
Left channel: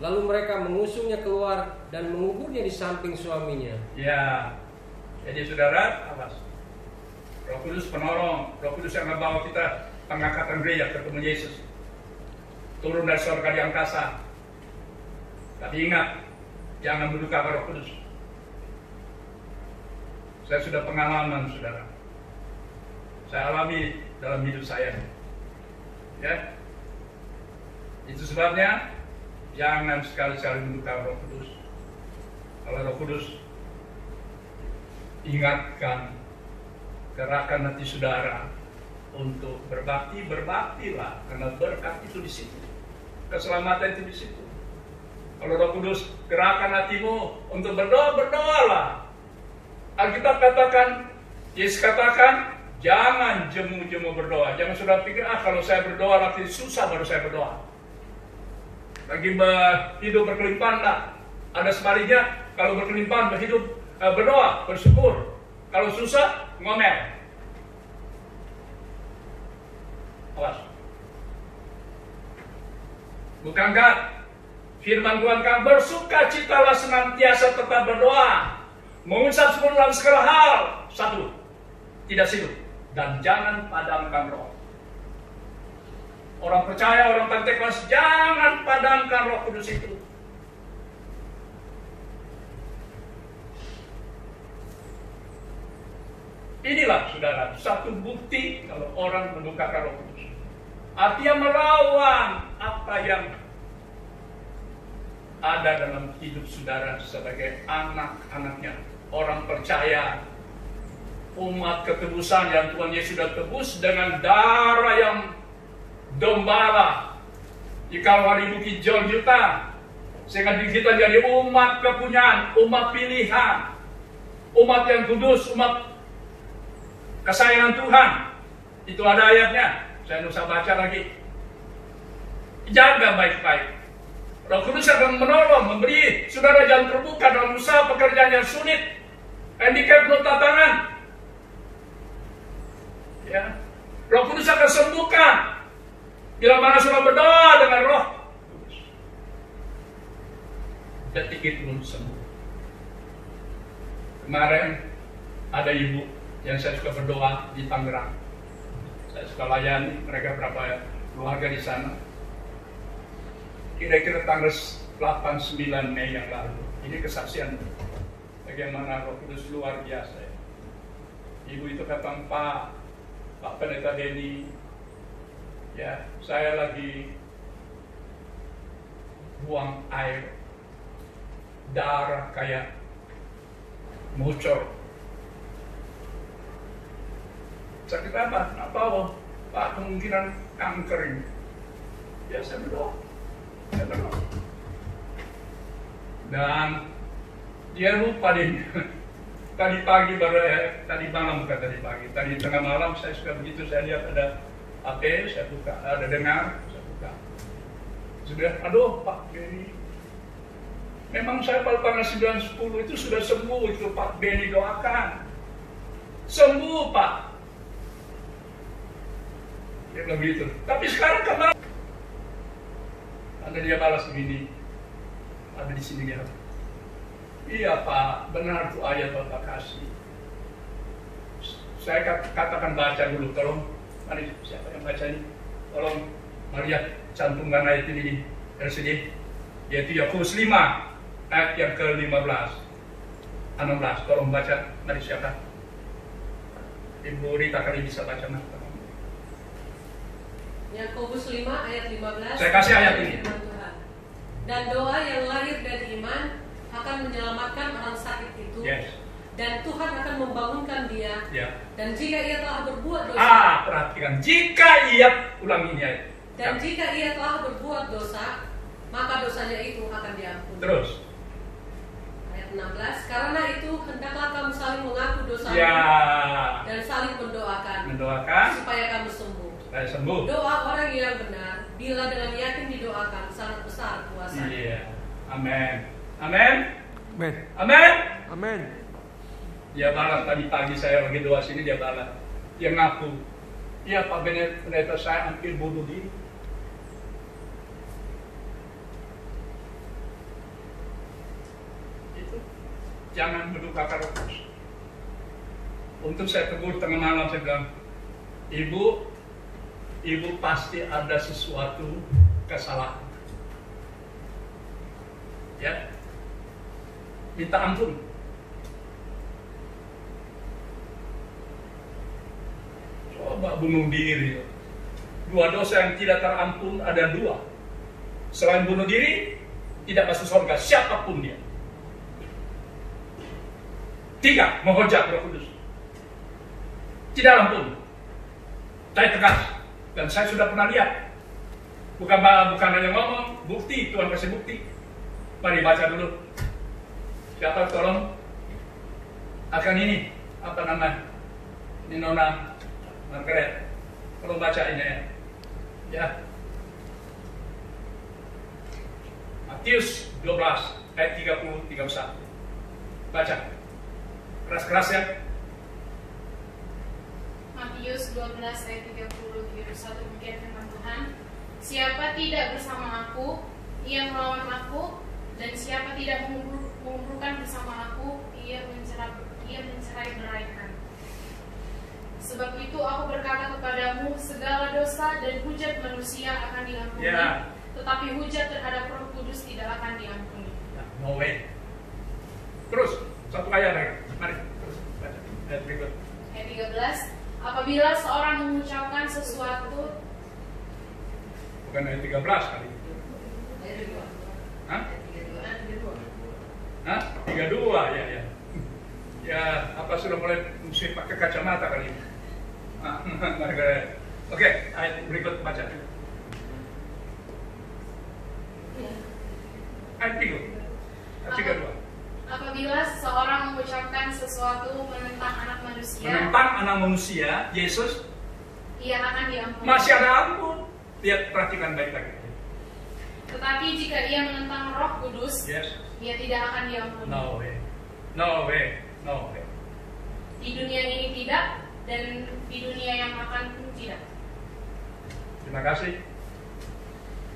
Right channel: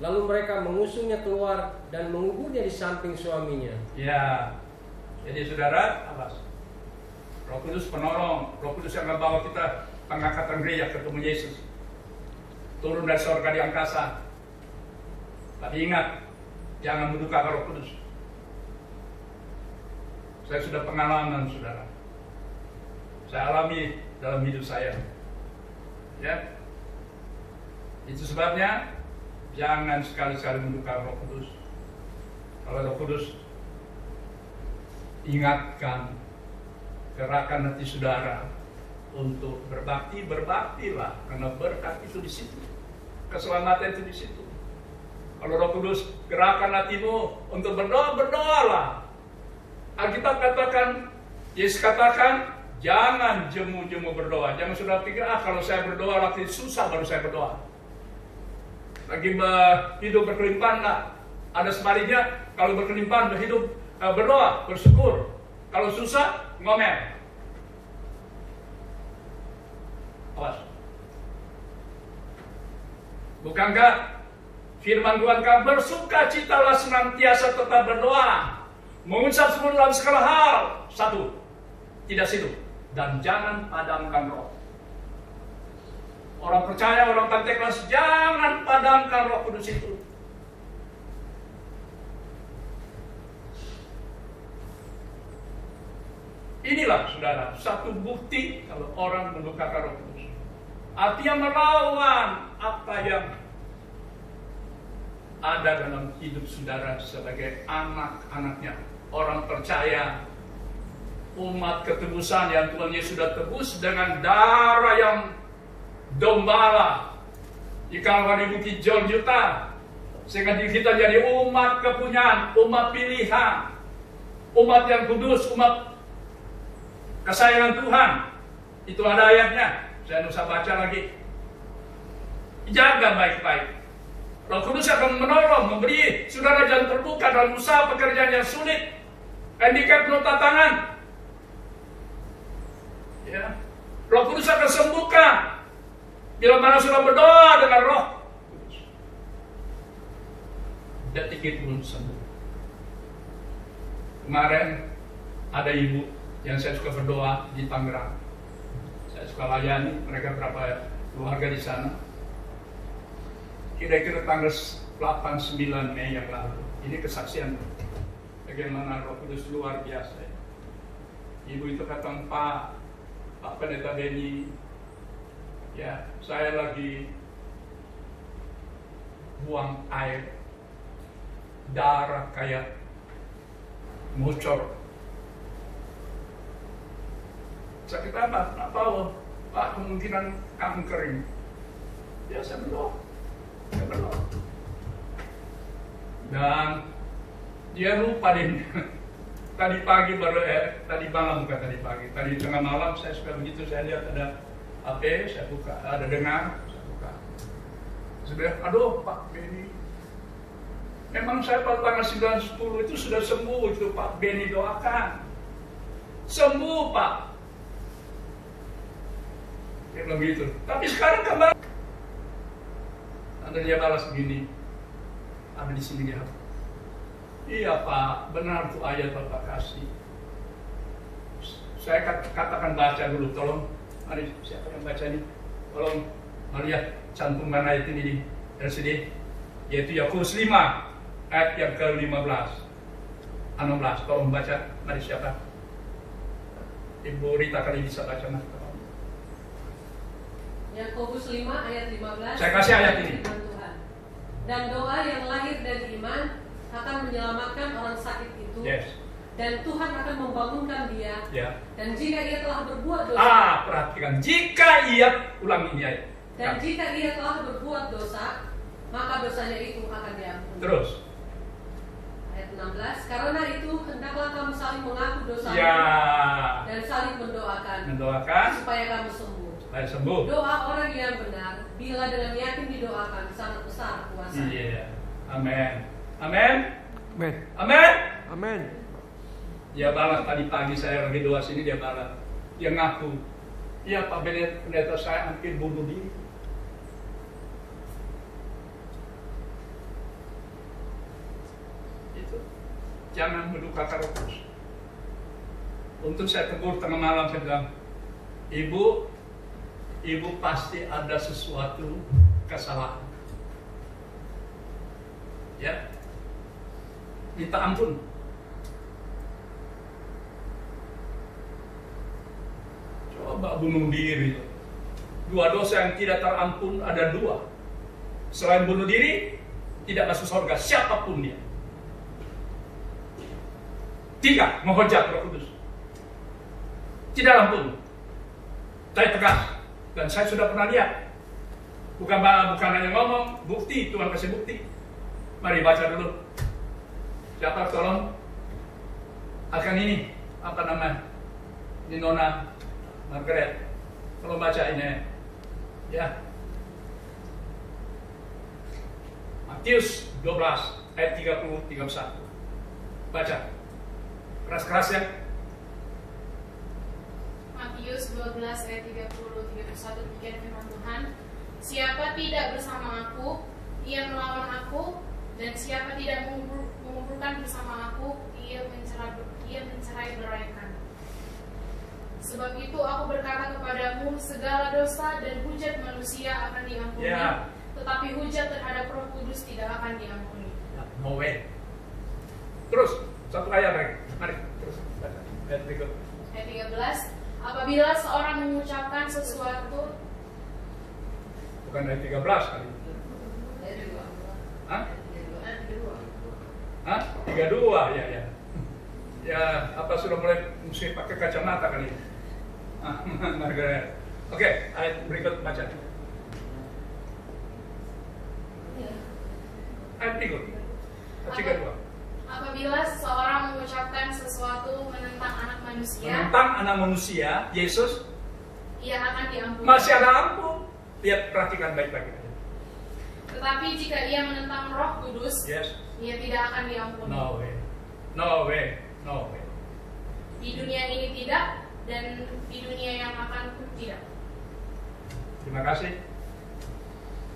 Lalu mereka mengusungnya keluar dan menguburnya di samping suaminya. Ya, jadi saudara, apa? Roh Kudus penolong, Roh Kudus yang membawa kita pengangkatan gereja ketemu Yesus. Turun dari surga di angkasa. Tapi ingat, jangan mendukakan Roh Kudus. Saya sudah pengalaman, saudara. Saya alami dalam hidup saya. Ya, itu sebabnya jangan sekali-sekali mendukakan Roh Kudus. Kalau Roh Kudus ingatkan, gerakan hati saudara untuk berbakti, berbaktilah, karena berkat itu di situ, keselamatan itu di situ. Kalau Roh Kudus gerakan hatimu untuk berdoa, berdoalah. Alkitab katakan, Yesus katakan, jangan jemu-jemu berdoa. Jangan sudah pikir, kalau saya berdoa nanti susah baru saya berdoa. Lagi hidup berkelimpahan, nah. Ada sebaliknya, kalau berkelimpahan berhidup berdoa, bersyukur. Kalau susah, ngomel. Awas. Bukankah Firman Tuhan kan, bersukacitalah senantiasa tetap berdoa, mengucap syukur dalam segala hal. 1. Tidak silu, dan jangan padamkan roh. Orang percaya, orang Pentekoste, jangan padamkan Roh Kudus itu. Inilah saudara, satu bukti kalau orang mendukakan Roh Kudus. Artinya melawan apa yang ada dalam hidup saudara sebagai anak-anaknya, orang percaya, umat ketebusan yang Tuhan Yesus sudah tebus dengan darah yang dombala di Kalvari Bukit Golgota, sehingga kita jadi umat kepunyaan, umat pilihan, umat yang kudus, umat kesayangan Tuhan. Itu ada ayatnya, saya tidak usah baca lagi. Jaga baik-baik. Roh Kudus akan menolong, memberi saudara jalan terbuka dalam usaha pekerjaan yang sulit, handicap nota tangan. Ya. Roh Kudus akan sembuhkan bila mana saudara berdoa dengan Roh Kudus. Detik itu pun sembuh. Kemarin ada ibu yang saya suka berdoa di Tangerang. Saya suka layani mereka berapa keluarga di sana. Kira-kira tanggal 8-9 Mei yang lalu. Ini kesaksian bagaimana Roh Kudus luar biasa. Ibu itu kata, Pak Pendeta Beni, ya saya lagi buang air, darah kayak mucor. Sakit apa? Nggak tahu, Pak, kemungkinan kanker ini. Ya saya berdoa. Dan dia lupa deh. Tadi pagi baru tadi malam, bukan tadi pagi, tadi tengah malam saya suka begitu, saya lihat ada HP, saya buka, ada dengar, saya buka. Sudah, aduh Pak Beni, memang saya pada tanggal 9-10 itu sudah sembuh itu Pak Beni, doakan sembuh Pak. Dia bilang begitu. Tapi sekarang kembali, ada dia balas begini, ada di sini dia. Iya Pak, benar tuh ayat Bapak kasih. Saya katakan baca dulu, tolong. Mari, siapa yang baca ini? Tolong melihat cantumkan ayat ini di LCD. Yaitu Yakobus 5 ayat yang ke-15, 16. Tolong baca. Mari siapa? Ibu Rita kali bisa baca. Yakobus 5 ayat 15. Saya kasih ayat ini. Dan doa yang lahir dari iman akan menyelamatkan orang sakit itu. Yes. Dan Tuhan akan membangunkan dia. Yeah. Dan jika ia telah berbuat dosa. Perhatikan. Jika ia, ulang ini ayat. Dan jika ia telah berbuat dosa, maka dosanya itu akan diampuni. Terus. Ayat 16. Karena itu hendaklah kamu saling mengaku dosa. Ya. Dan saling mendoakan. Mendoakan. Supaya kamu sembuh. Supaya sembuh. Doa orang yang benar, bila dengan yakin didoakan, sangat besar kuasanya. Iya. Amin. Amin. Amin. Amin. Amin. Dia balas tadi pagi saya lagi doa sini, dia balas. Dia ngaku, iya Pak Pendeta saya hampir bunuh diri. Itu jangan mendukakan Roh Kudus. Untuk saya tegur tengah malam, saya bilang, Ibu pasti ada sesuatu kesalahan. Ya, minta ampun. Coba bunuh diri. 2 dosa yang tidak terampun ada 2. Selain bunuh diri, tidak masuk surga siapapun dia. 3, menghujat Roh Kudus. Tidak ampun. Saya tegas. Dan saya sudah pernah lihat. Bukan hanya ngomong, bukti, Tuhan kasih bukti. Mari baca dulu. Siapa tolong akan ini apa nama? Ini Nona Margaret. Tolong baca ini ya. Matius 12 ayat 30-31. Baca. Keras-keras ya. Matius 12 ayat 30-31, demikian firman Tuhan. Siapa tidak bersama aku ia melawan aku, dan siapa tidak mengumpulkan bersama aku, ia mencerai-beraikan. Sebab itu aku berkata kepadamu, segala dosa dan hujat manusia akan diampuni, tetapi hujat terhadap Roh Kudus tidak akan diampuni. No way. Terus, satu ayat lagi. Mari, terus baca. Ayat berikut. Ayat 13. Apabila seorang mengucapkan sesuatu, bukan ayat 13 kali. Hah? 32, ya. Ya, apa sudah mulai mesti pakai kacamata kali ini? Oke, ayat berikut baca. Ayat 32. Apabila seorang mengucapkan sesuatu menentang anak manusia, Yesus, ia akan diampuni. Masih ada ampun. Lihat, perhatikan baik-baik. Tetapi jika ia menentang Roh Kudus, ia tidak akan diampuni. No way. Di dunia ini tidak, dan di dunia yang akan pun tidak. Terima kasih,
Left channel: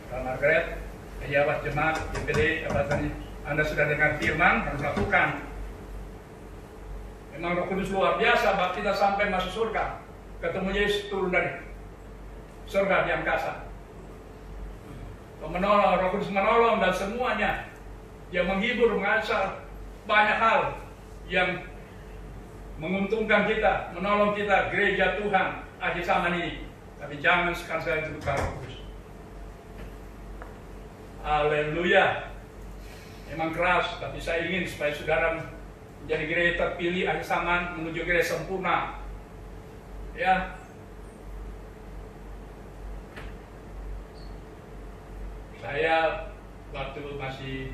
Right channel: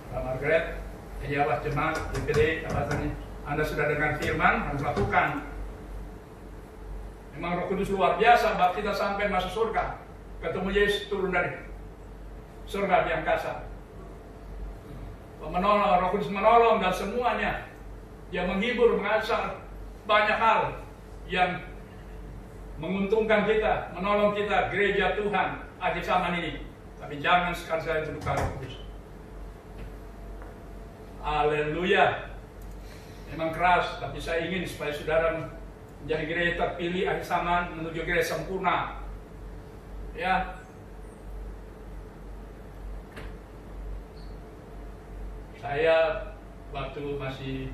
Pak Margaret, pejabat jemaat DPD, Anda sudah dengar firman, harus lakukan. Memang Roh Kudus luar biasa, bahwa kita sampai masuk surga, ketemu Yesus turun dari surga di angkasa. Menolong, Roh Kudus menolong dan semuanya. Dia menghibur, mengajar banyak hal yang menguntungkan kita, menolong kita, gereja Tuhan akhir zaman ini. Tapi jangan sekali-sekali terluka Roh Kudus. Haleluya. Memang keras, tapi saya ingin supaya saudara menjadi gereja terpilih akhir zaman, menuju gereja sempurna. Ya. Saya waktu masih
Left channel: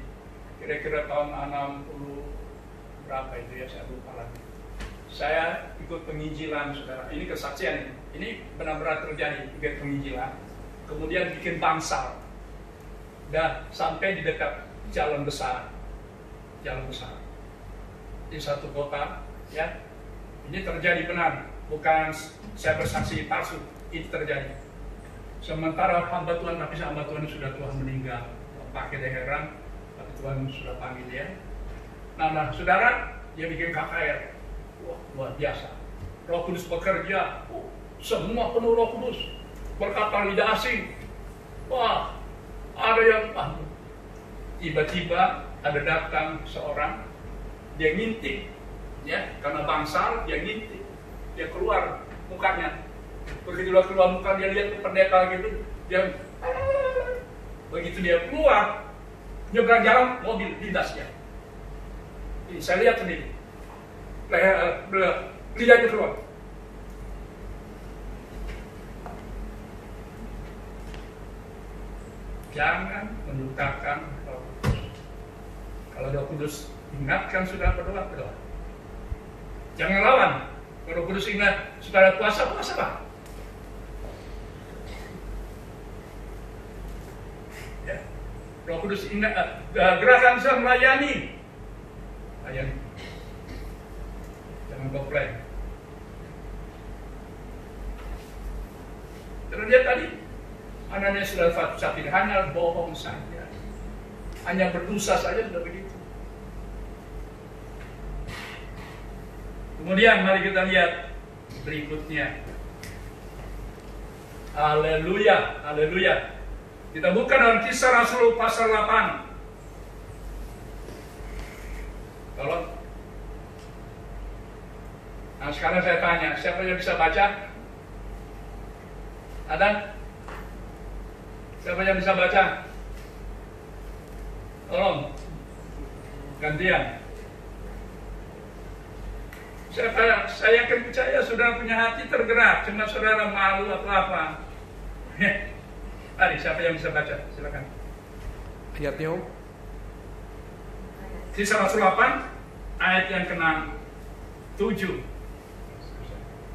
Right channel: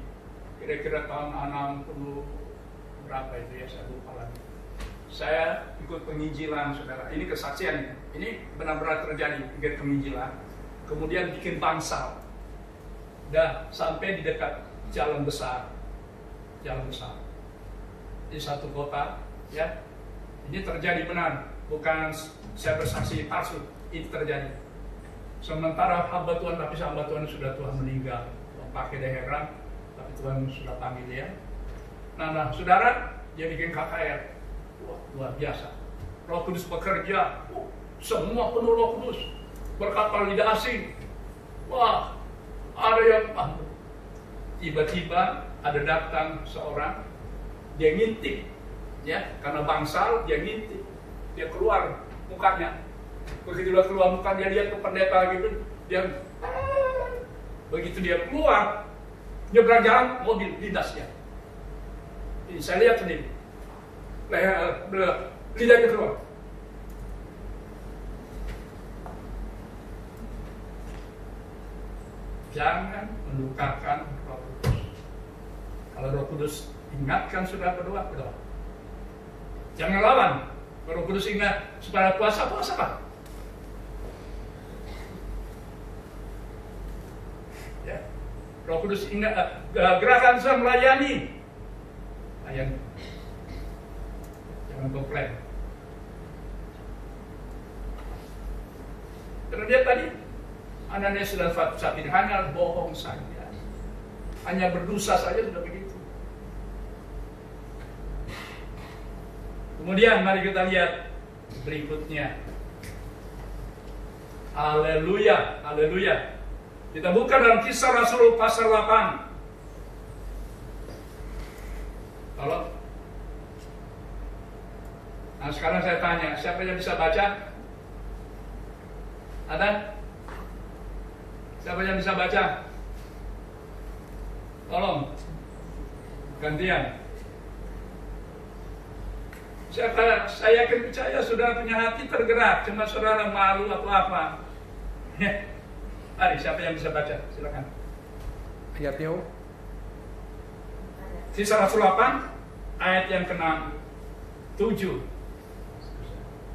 kira-kira tahun 60 berapa itu ya, saya lupa lagi. Saya ikut penginjilan, saudara. Ini kesaksian, ini benar-benar terjadi, ikut penginjilan. Kemudian bikin bangsal. Dan sampai di dekat jalan besar di satu kota, ya. Ini terjadi benar, bukan saya bersaksi palsu, ini terjadi. Sementara hamba Tuhan, tapi hamba Tuhan sudah Tuhan meninggal, pakai heran, tapi Tuhan sudah panggil dia. Nah, saudara, dia bikin KKR, wah, luar biasa. Roh Kudus bekerja, semua penuh Roh Kudus, berkata lidah asing, wah, ada yang tiba-tiba ada datang seorang, dia ngintip, ya, karena bangsal, dia ngintip, dia keluar mukanya. Begitu dia keluar muka, dia lihat ke pendeta gitu, dia begitu dia keluar, nyebrang jalan, mobil lindas dia. Ini saya lihat sendiri, lidahnya keluar. Jangan mendukakan Roh Kudus. Kalau Roh Kudus ingatkan sudah berdoa. Jangan lawan. Roh Kudus ingat sudah puasa lah. Ya. Roh Kudus ingat gerakan saya melayani. Layani. Jangan komplain. Terus dia tadi anaknya sudah sapi, hanya bohong saja, hanya berdosa saja sudah begitu. Kemudian mari kita lihat berikutnya. Haleluya, haleluya. Kita buka dalam Kisah Rasul pasal 8. Tolong. Nah, sekarang saya tanya, siapa yang bisa baca? Ada? Siapa yang bisa baca? Tolong. Gantian. Saya yakin percaya saudara punya hati tergerak, cuma saudara malu atau apa. Mari, siapa yang bisa baca? Silakan. Ayatnya, Om. Kisah Rasul 8, ayat yang ke-7.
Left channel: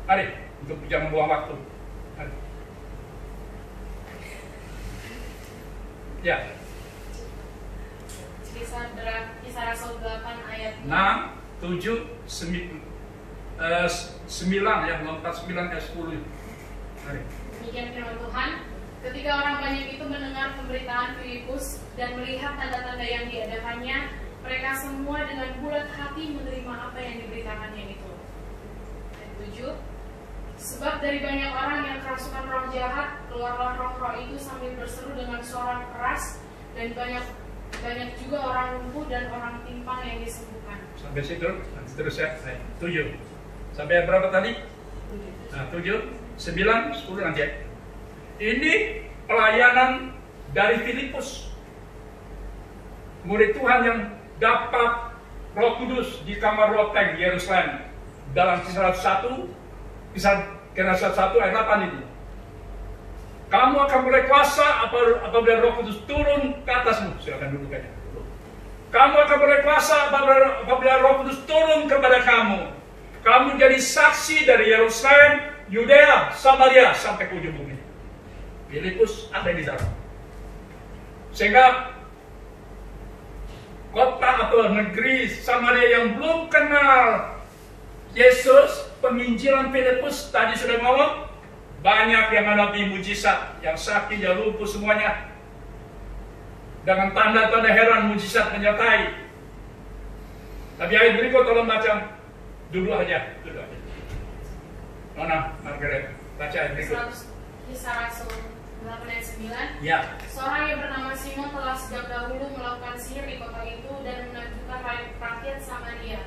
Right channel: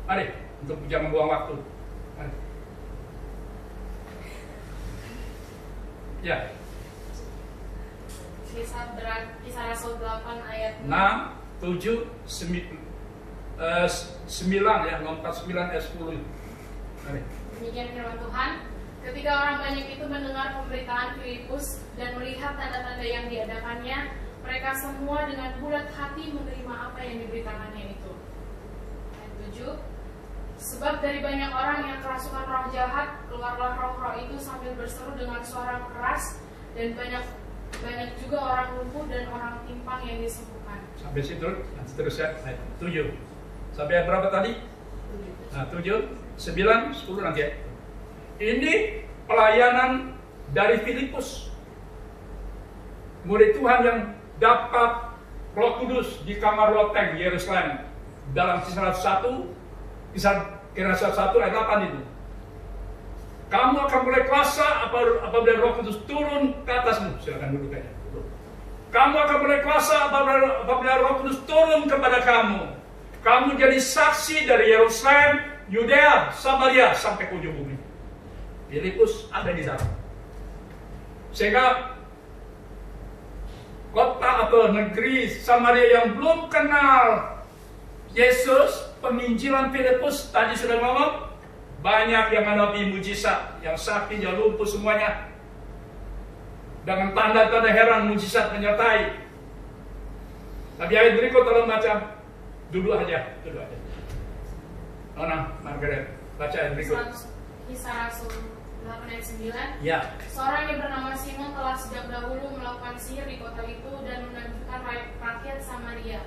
Mari, untuk jangan buang waktu. Mari. Ya. Kisah Rasul 8 ayat 6, 7, 9 ya, lompat 9 ayat 10. Mari. Demikian firman Tuhan. Ketika orang banyak itu mendengar pemberitaan dengan Filipus dan melihat tanda-tanda yang diadakannya, mereka semua dengan bulat hati menerima apa yang diberitakannya itu. Ayat 7. Sebab dari banyak orang yang kerasukan roh jahat, keluarlah roh-roh itu sambil berseru dengan suara keras, dan banyak juga orang lumpuh dan orang timpang yang disembuhkan. Sampai situ, nanti terus ya. 7. Sampai yang berapa tadi? 7, 9, 10 nanti ya. Ini pelayanan dari Filipus, murid Tuhan yang dapat Roh Kudus di kamar loteng Yerusalem. Dalam Kisah 1 ayat 8 itu. Kamu akan mulai kuasa apabila Roh Kudus turun ke atasmu. Silakan duduk aja. Kamu akan mulai kuasa apabila Roh Kudus turun kepada kamu. Kamu jadi saksi dari Yerusalem, Yudea, Samaria sampai ke ujung bumi. Filipus ada di dalam. Sehingga kota atau negeri Samaria yang belum kenal Yesus, penginjilan Filipus tadi sudah ngomong, banyak yang mengalami mujizat, yang sakit, yang lumpuh semuanya, dengan tanda-tanda heran mujizat menyertai. Tapi ayat berikut tolong baca. Duduk aja. Mana, Margaret? Baca ayat berikut. Kisah Rasul 8 ayat 9. Ya. Seorang yang bernama Simon telah sejak dahulu melakukan sihir di kota itu dan menakjubkan rakyat Samaria,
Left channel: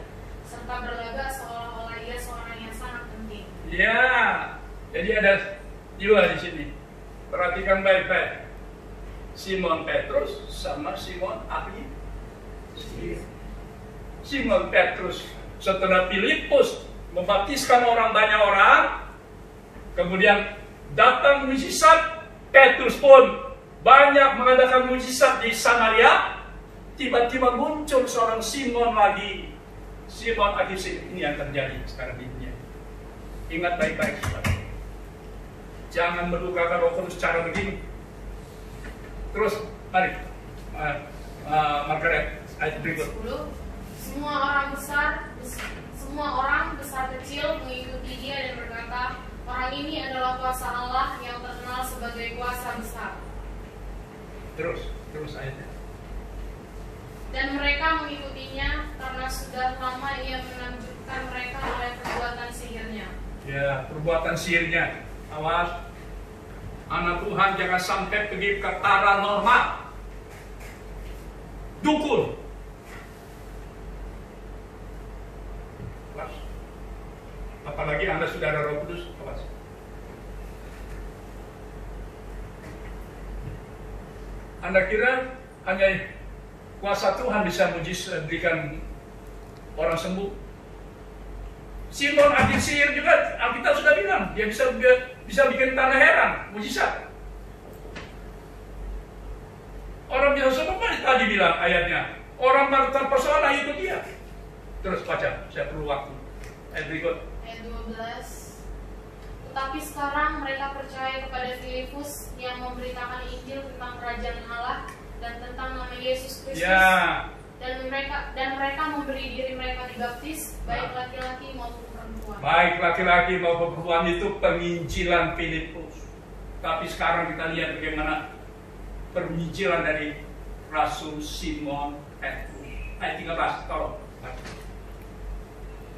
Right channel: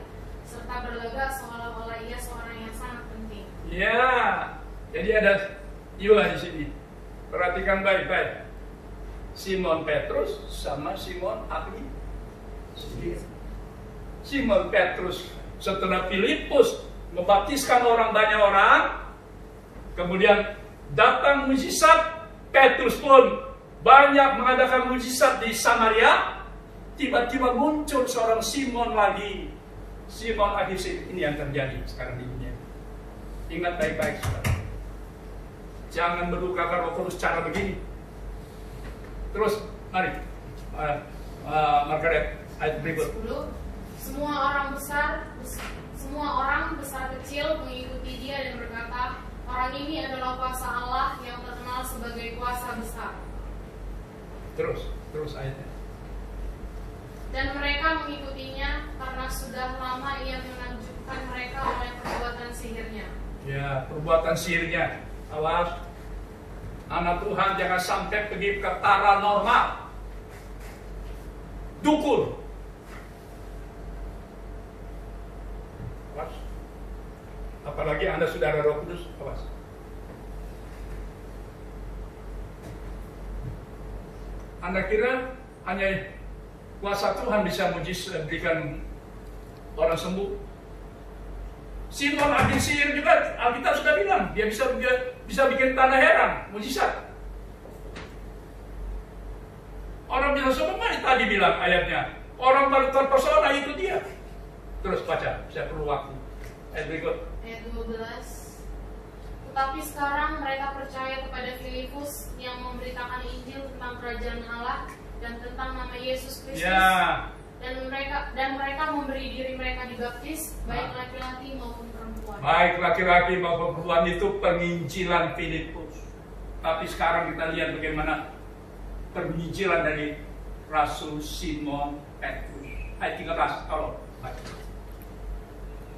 serta berlagak seolah-olah ia seorang yang sangat penting. Ya, jadi ada dua di sini. Perhatikan baik-baik. Simon Petrus sama Simon ahli sihir. Simon Petrus setelah Filipus membaptiskan banyak orang, kemudian datang mujizat, Petrus pun banyak mengadakan mujizat di Samaria. Tiba-tiba muncul seorang Simon lagi. Simon ahli sihir. Ini yang terjadi sekarang di dunia. Ingat baik-baik, saudara. Jangan melukakan Roh Kudus cara begini. Terus, mari, Margaret, ayat berikut. 10. Semua orang besar kecil mengikuti dia dan berkata, orang ini adalah kuasa Allah yang terkenal sebagai kuasa besar. Terus ayatnya. Dan mereka mengikutinya karena sudah lama ia menakjubkan mereka oleh perbuatan sihirnya. Ya, perbuatan sihirnya. Awas, anak Tuhan jangan sampai pergi ke paranormal, dukun. Awas. Apalagi Anda saudara Roh Kudus, awas. Anda kira hanya kuasa Tuhan bisa berikan orang sembuh? Simon ahli sihir juga, Alkitab sudah bilang dia bisa bikin tanda heran, mujizat. Orang bisa sembuh, tadi bilang ayatnya, orang terpesona itu dia. Terus baca, saya perlu waktu. Ayat berikut. Ayat 12. Tetapi sekarang mereka percaya kepada Filipus yang memberitakan Injil tentang kerajaan Allah dan tentang nama Yesus Kristus. Ya. Dan mereka memberi diri mereka dibaptis, baik laki-laki maupun perempuan. Baik laki-laki maupun perempuan itu penginjilan Filipus. Tapi sekarang kita lihat bagaimana penginjilan dari Rasul Simon Petrus. Ayat 13, tolong baca.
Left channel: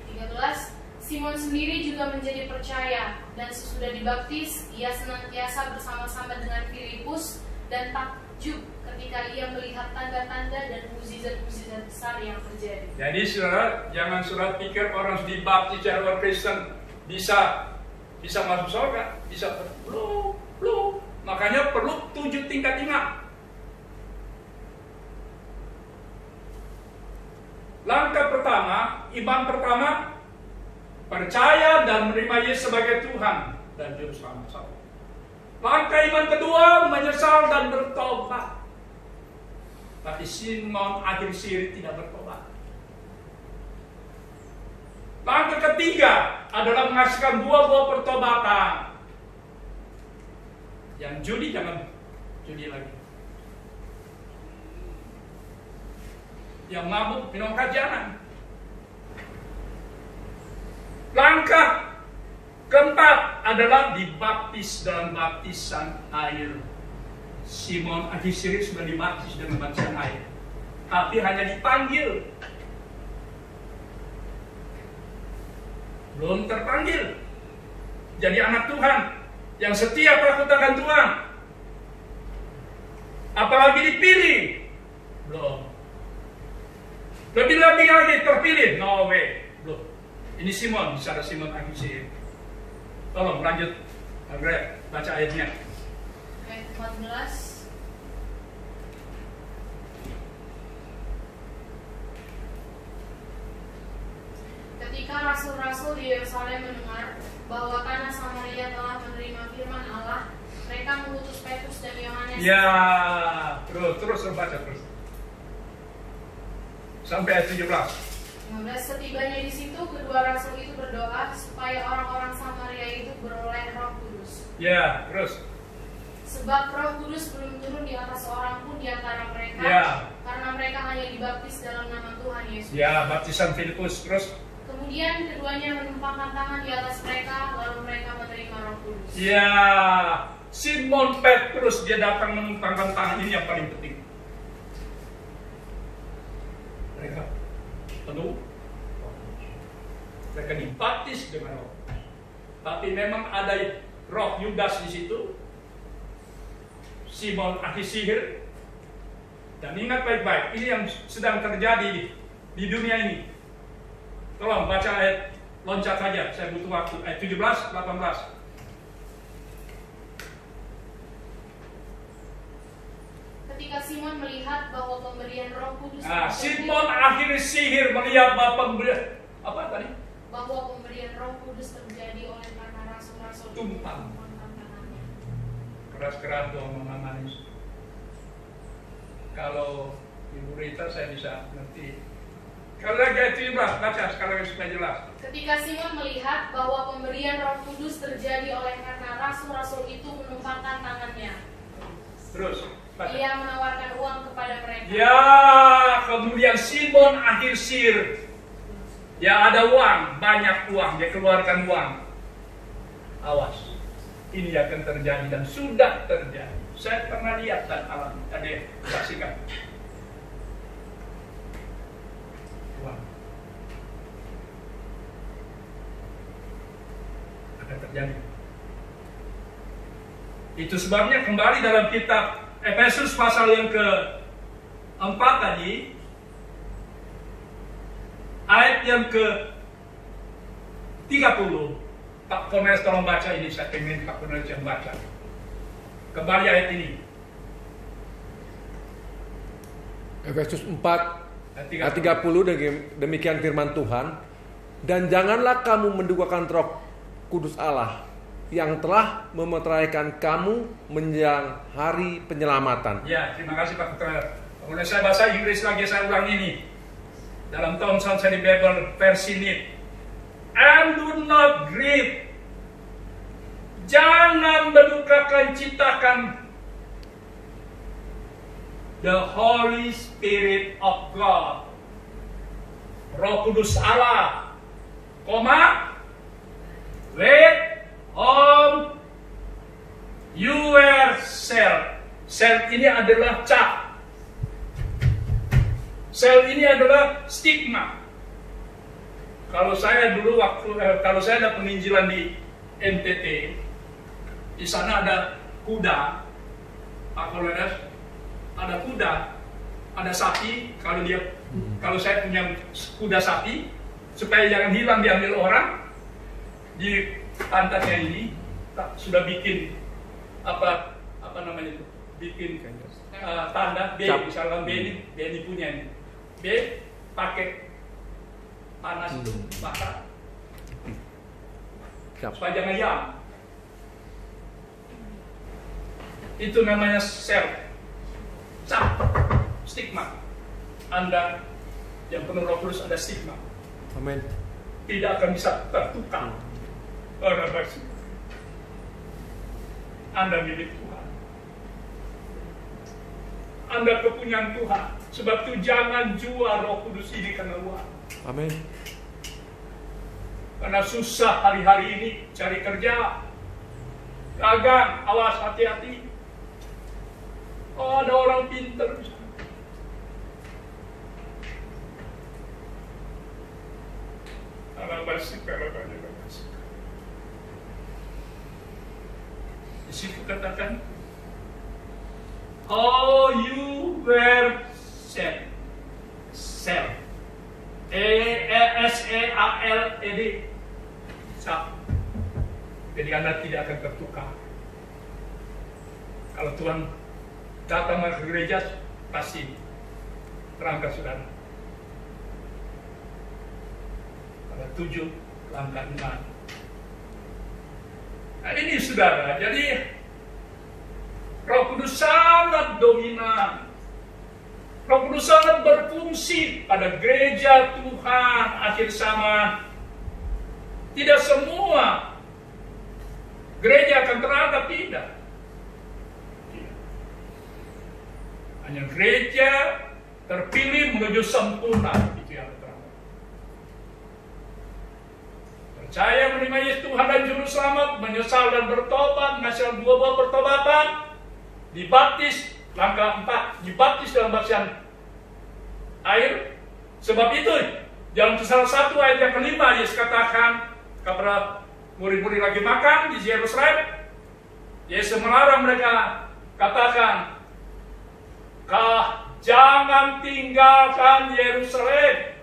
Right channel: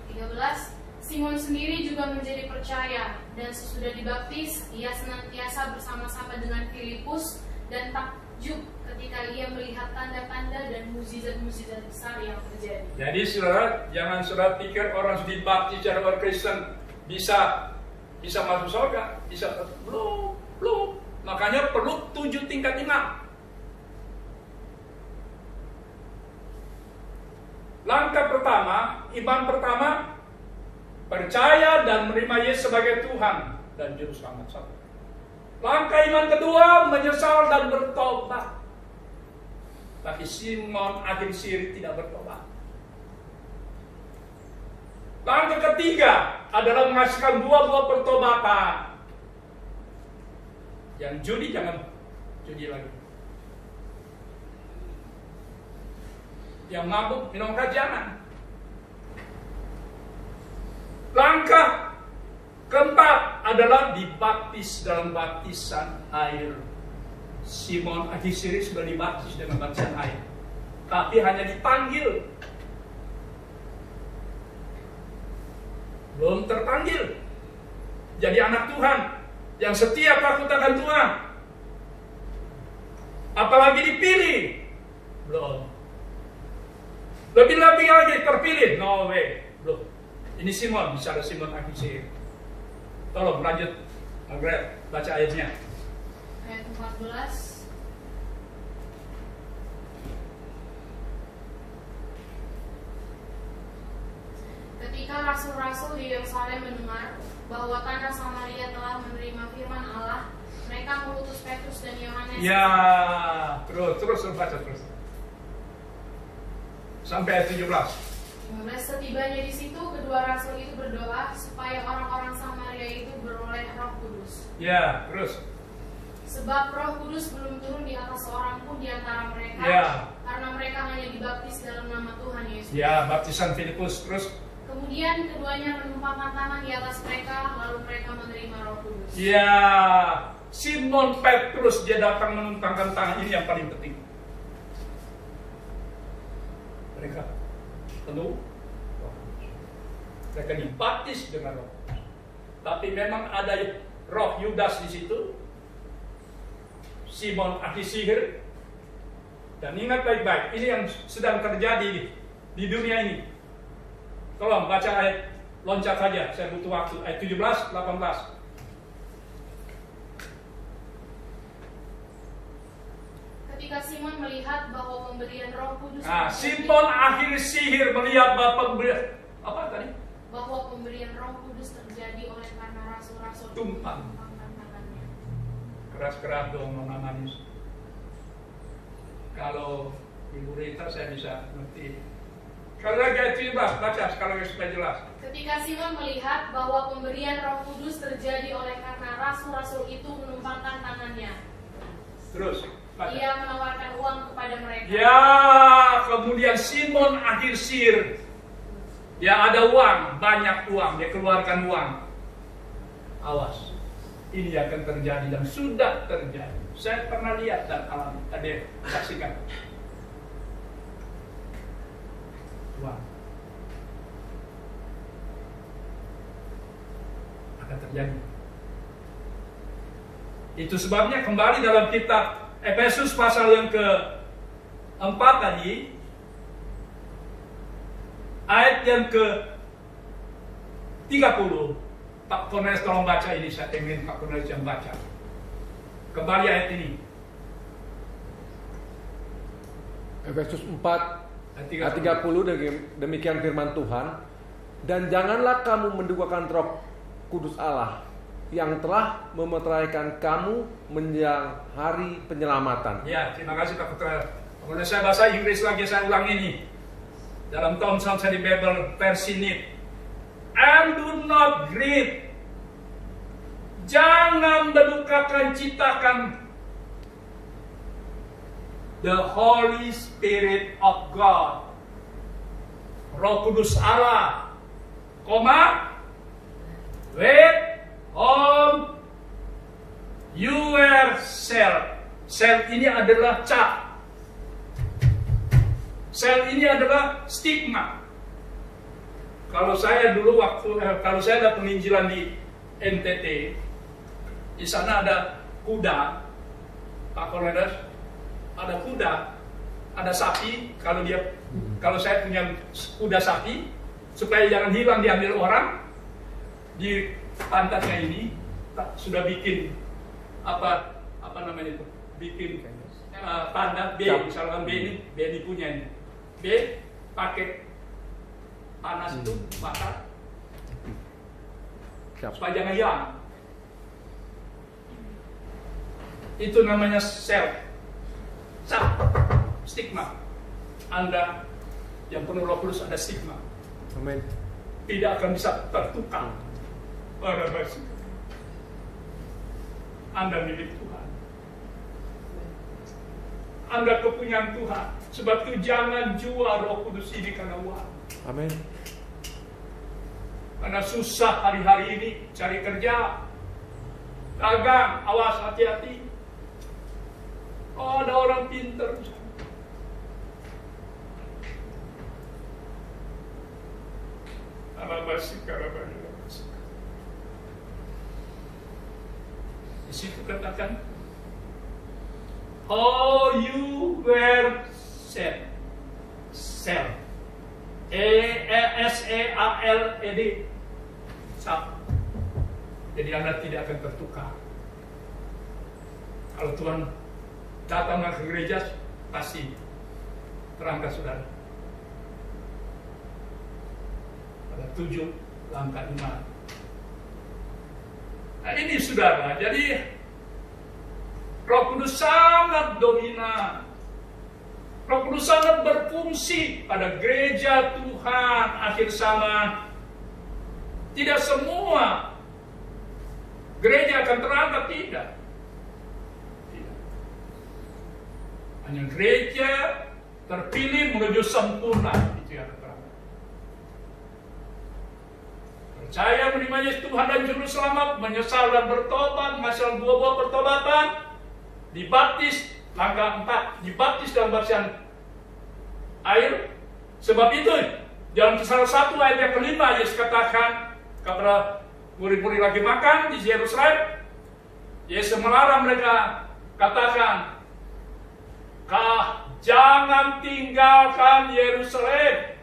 13. Simon sendiri juga menjadi percaya, dan sesudah dibaptis, ia senantiasa bersama-sama dengan Filipus dan takjub ketika ia melihat tanda-tanda dan mukjizat-mukjizat besar yang terjadi. Jadi saudara, jangan saudara pikir orang dibaptis secara orang Kristen bisa masuk surga, bisa belum. Makanya perlu 7 tingkat iman. Langkah pertama, iman pertama, percaya dan menerima Yesus sebagai Tuhan dan Juru Selamat. Langkah iman kedua, menyesal dan bertobat. Tapi Simon ahli sihir tidak bertobat. Langkah ketiga adalah menghasilkan buah-buah pertobatan. Yang judi jangan judi lagi. Yang mabuk minum jangan. Langkah keempat adalah dibaptis dalam baptisan air Simon Agisiri sudah dibaptis dengan baptisan air, tapi hanya dipanggil, belum terpanggil jadi anak Tuhan yang setia takut akan Tuhan, apalagi dipilih, belum. Lebih-lebih lagi terpilih, no way, belum. Ini Simon, bicara Simon Agisiri. Tolong lanjut, Margaret, baca ayatnya. Ayat 14. Ketika rasul-rasul di Yerusalem mendengar bahwa tanah Samaria telah menerima firman Allah, mereka mengutus Petrus dan Yohanes. Ya, terus baca terus. Sampai ayat 17. Setibanya di situ, kedua rasul itu berdoa supaya orang-orang Samaria itu beroleh Roh Kudus. Ya, terus. Sebab Roh Kudus belum turun di atas seorang pun di antara mereka, Ya. karena mereka hanya dibaptis dalam nama Tuhan Yesus. Ya, baptisan Filipus, terus. Kemudian keduanya menumpangkan tangan di atas mereka, lalu mereka menerima Roh Kudus. Ya, Simon Petrus dia datang menumpangkan tangan, ini yang paling penting. Mereka penuh, mereka dibaptis dengan Roh. Tapi memang ada roh Yudas di situ, Simon Agisihir. Dan ingat baik-baik, ini yang sedang terjadi di dunia ini. Tolong baca ayat, loncat saja, saya butuh waktu. Ayat 17, 18. Ketika Simon melihat bahwa pemberian Roh Kudus Simon Agisihir melihat bahwa pemberian apa tadi? Bahwa pemberian Roh Kudus terjadi oleh karena rasul-rasul tumpang. Keras-keras dong Nona Manis. Kalau Ibu Rita saya bisa ngerti. Kalau lagi ayat 17, baca sekali lagi supaya jelas. Ketika Simon melihat bahwa pemberian Roh Kudus terjadi oleh karena rasul-rasul itu menumpangkan tangannya. Terus, baca. Ia menawarkan uang kepada mereka. Ya, kemudian Simon Agisihir. Ya ada uang, banyak uang, dia keluarkan uang. Awas, ini akan terjadi dan sudah terjadi. Saya pernah lihat dan alami, ada saksikan. Uang akan terjadi. Itu sebabnya kembali dalam kitab Efesus pasal yang ke-4 tadi, ayat yang ke-30. Pak Cornelius tolong baca ini, saya ingin Pak Cornelius yang baca. Kembali ayat ini. Efesus 4 ayat 30, demikian firman Tuhan. Dan janganlah kamu mendukakan Roh Kudus Allah yang telah memeteraikan kamu menjelang hari penyelamatan. Ya, terima kasih Pak Cornelius. Kemudian saya bahasa Inggris lagi, saya ulang ini. Dalam Thomson Study Bible versi NIV. And do not grieve. Jangan mendukakan ciptakan the Holy Spirit of God. Roh Kudus Allah. Wait on yourself. Self ini adalah cap. Sel ini adalah stigma. Kalau saya dulu kalau saya ada penginjilan di NTT, di sana ada kuda, Pak Cornelius, ada kuda, ada sapi. Kalau saya punya kuda sapi, supaya jangan hilang diambil orang, di pantatnya ini sudah bikin apa namanya itu, bikin tanda B, misalkan B ini punya ini. B pakai panas itu mata supaya jangan hilang. Itu namanya sel, stigma. Anda yang penuh Roh Kudus ada stigma. Amin. Tidak akan bisa tertukar. Anda milik Tuhan. Anda kepunyaan Tuhan. Sebab itu jangan jual Roh Kudus ini karena uang. Amin. Karena susah hari-hari ini cari kerja, dagang, awas hati-hati. Oh, ada orang pintar. Di situ katakan, oh you were sent. S-E-A-L-E-D. Jadi Anda tidak akan tertukar. Kalau Tuhan datang ke gereja, pasti terangkat saudara. Pada 7 langkah iman. Nah ini saudara, jadi Roh Kudus sangat dominan. Roh Kudus sangat berfungsi pada gereja Tuhan akhir zaman. Tidak semua gereja akan terangkat, tidak. Hanya gereja terpilih menuju sempurna, itu yang terangkat. Percaya menerima Yesus Tuhan dan Juru Selamat, menyesal dan bertobat, menghasilkan buah-buah pertobatan, dibaptis. Langkah 4, dibaptis dalam baptisan air. Sebab itu dalam salah satu ayat yang kelima Yesus katakan kepada murid-murid lagi makan di Yerusalem, Yesus melarang mereka, katakan, jangan tinggalkan Yerusalem.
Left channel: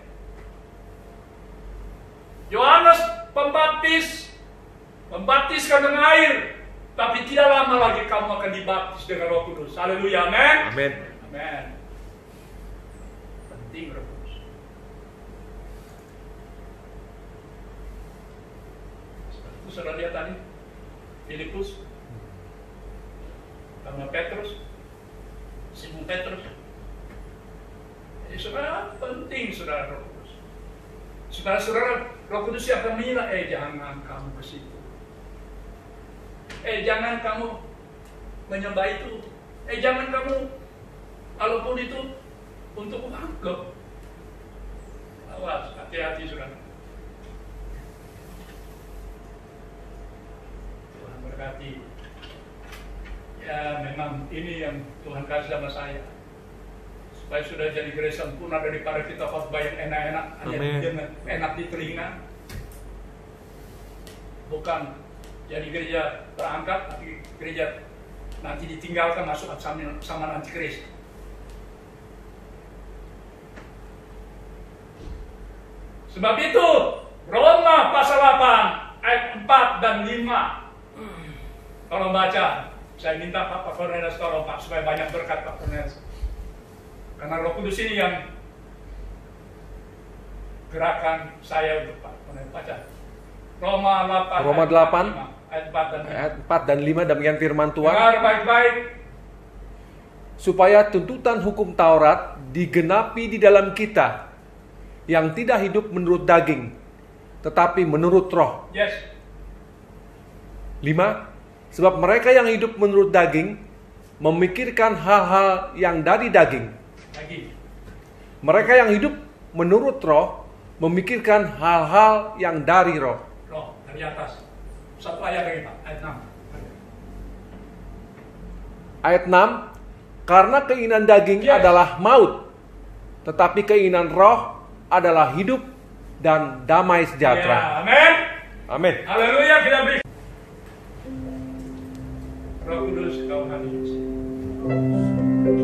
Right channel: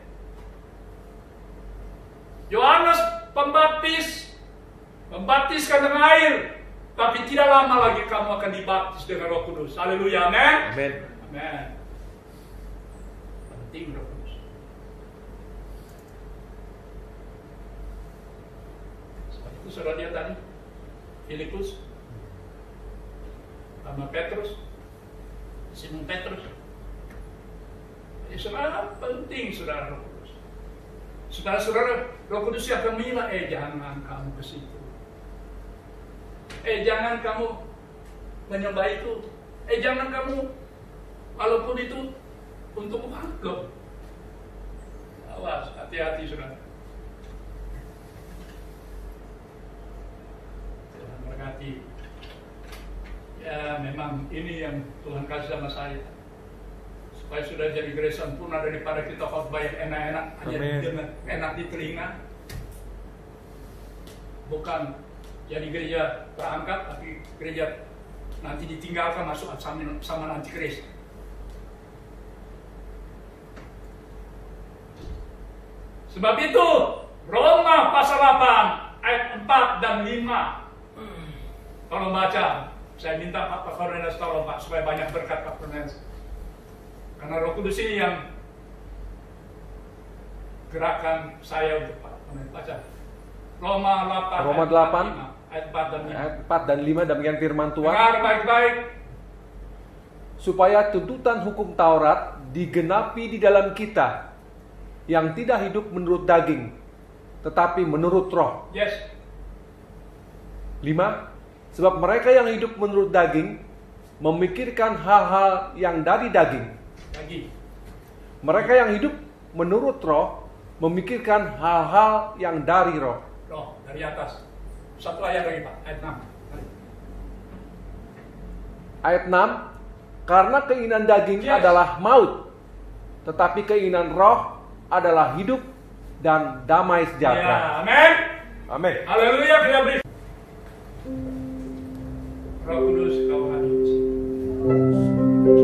Yohanes Pembaptis membaptiskan dengan air, tapi tidak lama lagi kamu akan dibaptis dengan Roh Kudus. Haleluya, amin. Amin. Amin. Penting Roh Kudus. Seperti itu saudara lihat tadi, Filipus, sama Petrus, Simon Petrus. Jadi saudara penting saudara Roh Kudus. Saudara-saudara, Roh Kudus akan menyilah, jangan kamu ke situ. Jangan kamu menyembah itu. Jangan kamu, walaupun itu untuk angkep. Awas, hati-hati saudara. Tuhan berkati. Ya memang ini yang Tuhan kasih sama saya. Supaya sudah jadi gereja sempurna daripada kita khotbah yang enak-enak, hanya dengan enak di telinga. Bukan jadi gereja terangkat, tapi gereja nanti ditinggalkan masuk sama nanti Kristus. Sebab itu Roma pasal 8 ayat 4 dan 5. Tolong baca. Saya minta Pak Fernandes tolong Pak supaya banyak berkat Pak Fernandes. Karena Roh Kudus ini yang gerakan saya untuk Pak Fernandes baca. Roma 8 ayat 4 dan 5 demikian firman Tuhan. Dengar baik-baik. Supaya tuntutan hukum Taurat digenapi di dalam kita yang tidak hidup menurut daging, tetapi menurut roh. Yes. 5. Sebab mereka yang hidup menurut daging memikirkan hal-hal yang dari daging. Lagi. Mereka yang hidup menurut roh memikirkan hal-hal yang dari roh. Roh, dari atas. Satu ayat lagi Pak, ayat 6. Ayat 6, karena keinginan daging adalah maut, tetapi keinginan roh adalah hidup dan damai sejahtera. Ya, amin. Amin. Haleluya, kita beri. Roh Kudus, kau hadir di sini. Kudus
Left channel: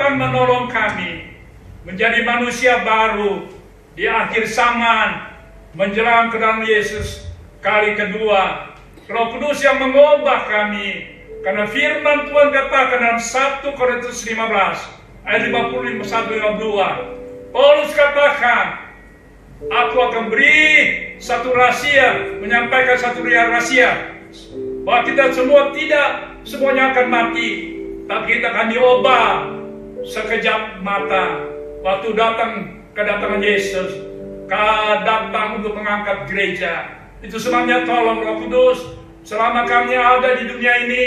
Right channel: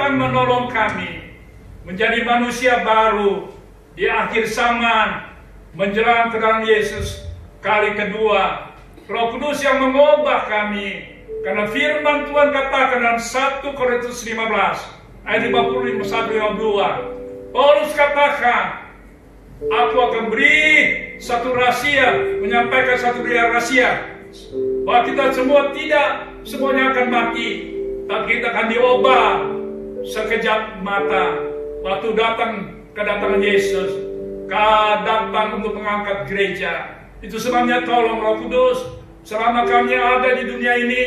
datang menolong kami menjadi manusia baru di akhir zaman menjelang kedatangan Yesus kali kedua. Roh Kudus yang mengubah kami, karena firman Tuhan katakan dalam 1 Korintus 15 ayat 51-52, Paulus katakan, aku akan beri satu rahasia, menyampaikan satu rahasia, bahwa kita semua tidak semuanya akan mati, tapi kita akan diubah sekejap mata. Waktu datang kedatangan Yesus, datang untuk mengangkat gereja. Itu sebabnya tolong Roh Kudus, selama kami ada di dunia ini,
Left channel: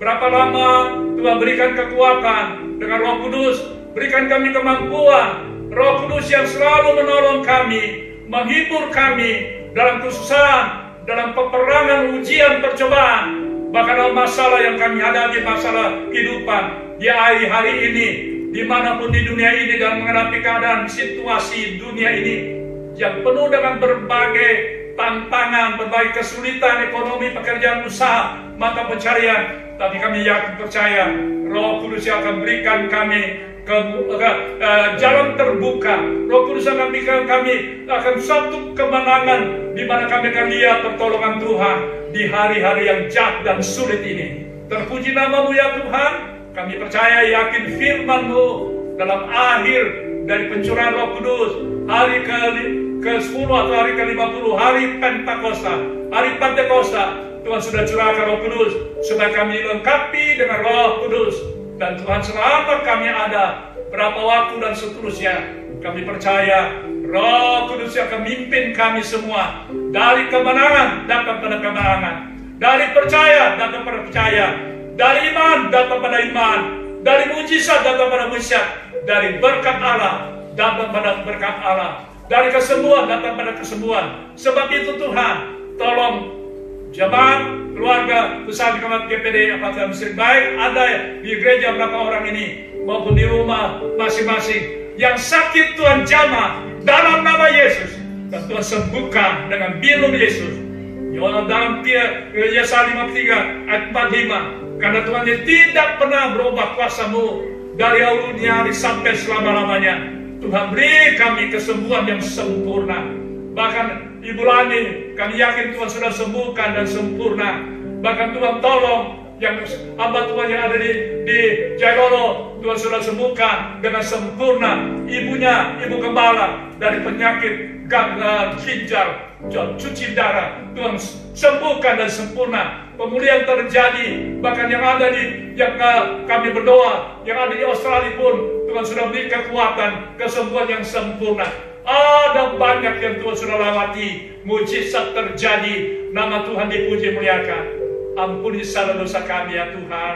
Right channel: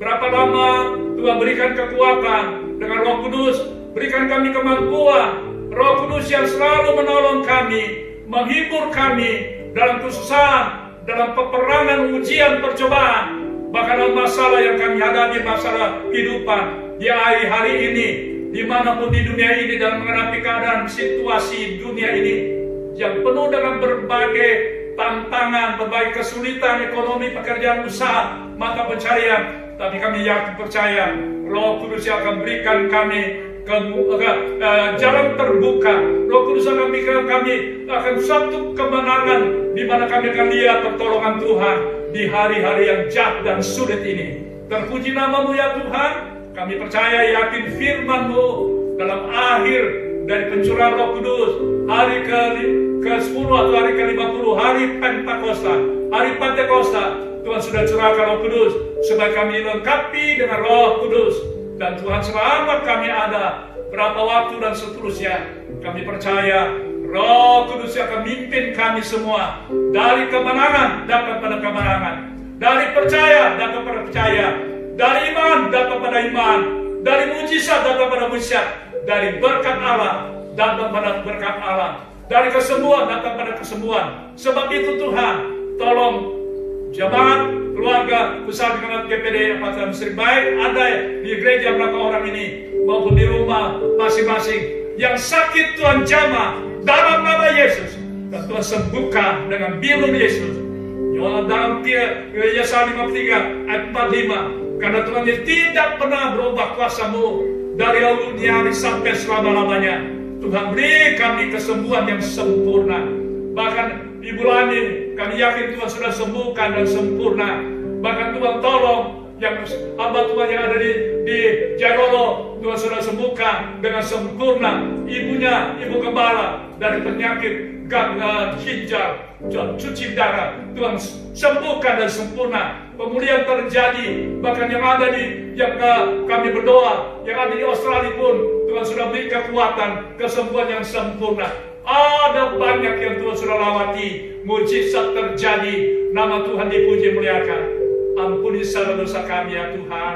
berapa lama Tuhan berikan kekuatan dengan Roh Kudus, berikan kami kemampuan, Roh Kudus yang selalu menolong kami, menghibur kami dalam kesusahan, dalam peperangan, ujian, percobaan, bahkan dalam masalah yang kami hadapi, masalah kehidupan di hari-hari ini, dimanapun di dunia ini, dan menghadapi keadaan situasi dunia ini yang penuh dengan berbagai tantangan, berbagai kesulitan ekonomi, pekerjaan, usaha, mata pencarian. Tapi kami yakin percaya Roh Kudus yang akan berikan kami jalan terbuka. Roh Kudus akan berikan kami akan suatu kemenangan, di mana kami akan lihat pertolongan Tuhan di hari-hari yang jahat dan sulit ini. Terpuji nama-Mu ya Tuhan. Kami percaya yakin firman-Mu dalam akhir dari pencurahan Roh Kudus, hari ke-10 atau hari ke-50, hari Pentakosta, hari Pentakosta, Tuhan sudah curahkan Roh Kudus supaya kami dilengkapi dengan Roh Kudus. Dan Tuhan, selama kami ada berapa waktu dan seterusnya, kami percaya Roh Kudus akan mimpin kami semua dari kemenangan datang pada kemenangan, dari percaya datang pada percaya, dari iman datang pada iman, dari mujizat datang pada mujizat, dari berkat Allah datang pada berkat Allah, dari kesembuhan datang pada kesembuhan. Sebab itu Tuhan, tolong jemaat, keluarga besar di Kemenat GPD Apatan Mesir, baik ada di gereja belakang orang ini maupun di rumah masing-masing yang sakit, Tuhan jamah dalam nama Yesus, dan Tuhan sembuhkan dengan bilur Yesus. Dalam Yesaya 53 ayat 45, karena Tuhan tidak pernah berubah kuasa-Mu dari awal hari sampai selama-lamanya. Tuhan beri kami kesembuhan yang sempurna. Bahkan di bulan ini kami yakin Tuhan sudah sembuhkan dan sempurna. Bahkan Tuhan tolong yang hamba Tuhan yang ada di Jailolo, Tuhan sudah sembuhkan dengan sempurna ibunya, ibu gembala, dari penyakit ginjal, cuci darah. Tuhan sembuhkan dan sempurna. Pemulihan terjadi. Bahkan yang ada kami berdoa, yang ada di Australia pun Tuhan sudah beri kekuatan, kesembuhan yang sempurna. Ada banyak yang Tuhan sudah lewati, mujizat terjadi. Nama Tuhan dipuji, muliakan. Ampuni segala dosa kami ya Tuhan.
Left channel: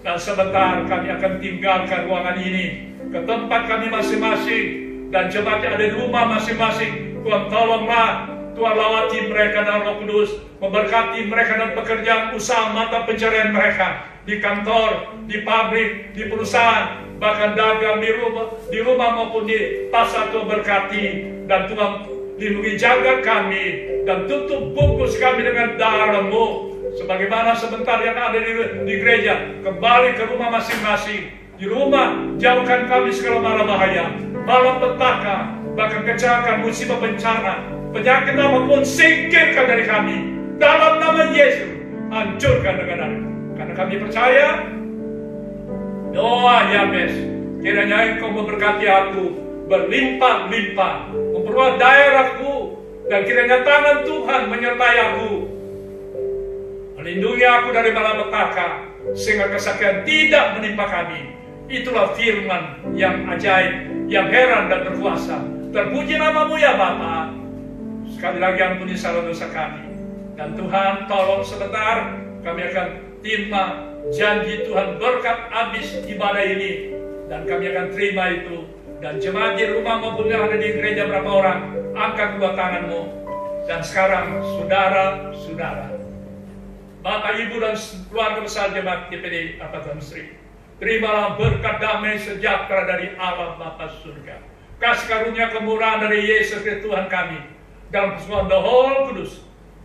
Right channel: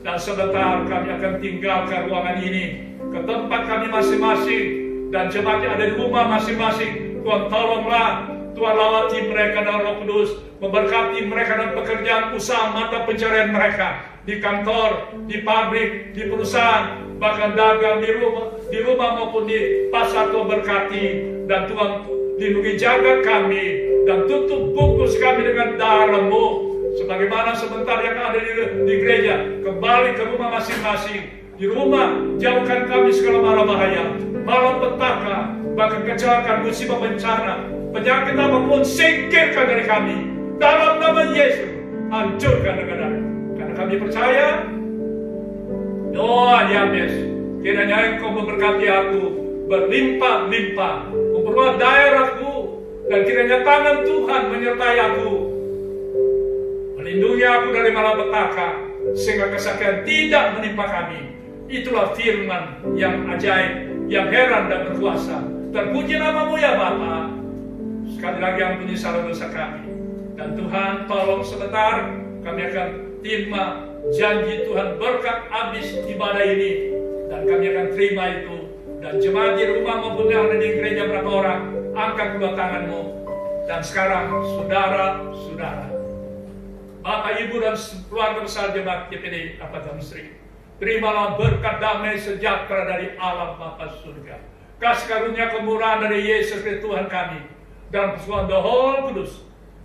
Dan sebentar kami akan tinggalkan ruangan ini ke tempat kami masing-masing, dan jemaat yang ada di rumah masing-masing. Tuhan tolonglah, Tuhan lawati mereka dengan Roh Kudus, memberkati mereka dan pekerjaan usaha mata pencarian mereka, di kantor, di pabrik, di perusahaan, bahkan dagang di rumah maupun di pasar. Tuhan berkati, dan Tuhan lindungi jaga kami, dan tutup bungkus kami dengan darah-Mu. Sebagaimana sebentar yang ada di gereja, kembali ke rumah masing-masing. Di rumah, jauhkan kami segala mara bahaya, malapetaka, bahkan kecelakaan, musibah, bencana, penyakit apapun, singkirkan dari kami. Dalam nama Yesus, hancurkan dengan darah. Karena kami percaya, doa Yabes, kiranya Engkau memberkati aku berlimpah-limpah, memperluas daerahku, dan kiranya tangan Tuhan menyertai aku, melindungi aku dari malapetaka, sehingga kesakitan tidak menimpa kami. Itulah firman yang ajaib, yang heran dan berkuasa. Terpuji nama-Mu ya Bapa. Sekali lagi ampuni salah dosa kami. Dan Tuhan tolong sebentar, kami akan terima janji Tuhan berkat habis ibadah ini, dan kami akan terima itu. Dan jemaat di rumah maupun yang ada di gereja berapa orang, angkat kedua tangan-Mu. Dan sekarang saudara-saudara, Bapak, Ibu, dan keluarga besar jemaat GPD Apatan Mesir, terimalah berkat damai sejahtera dari Allah Bapa surga, kasih karunia kemurahan dari Yesus Kristus Tuhan kami, dan persekutuan The Holy Kudus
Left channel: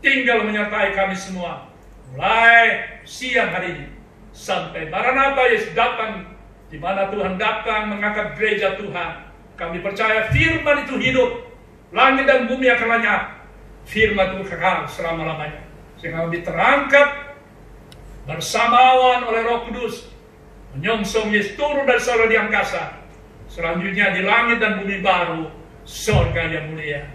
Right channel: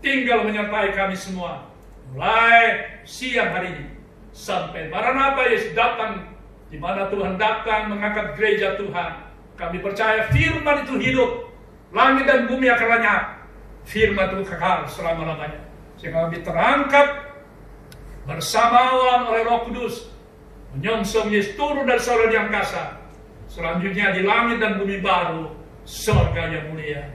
tinggal menyertai kami semua, mulai siang hari ini sampai Maranatha Yesus datang di mana Tuhan datang mengangkat gereja Tuhan. Kami percaya firman itu hidup. Langit dan bumi akan lenyap, firman itu kekal selama-lamanya. Sehingga kami terangkat bersamawan oleh Roh Kudus, menyongsong Yesus turun dari surga di angkasa. Selanjutnya di langit dan bumi baru, surga yang mulia.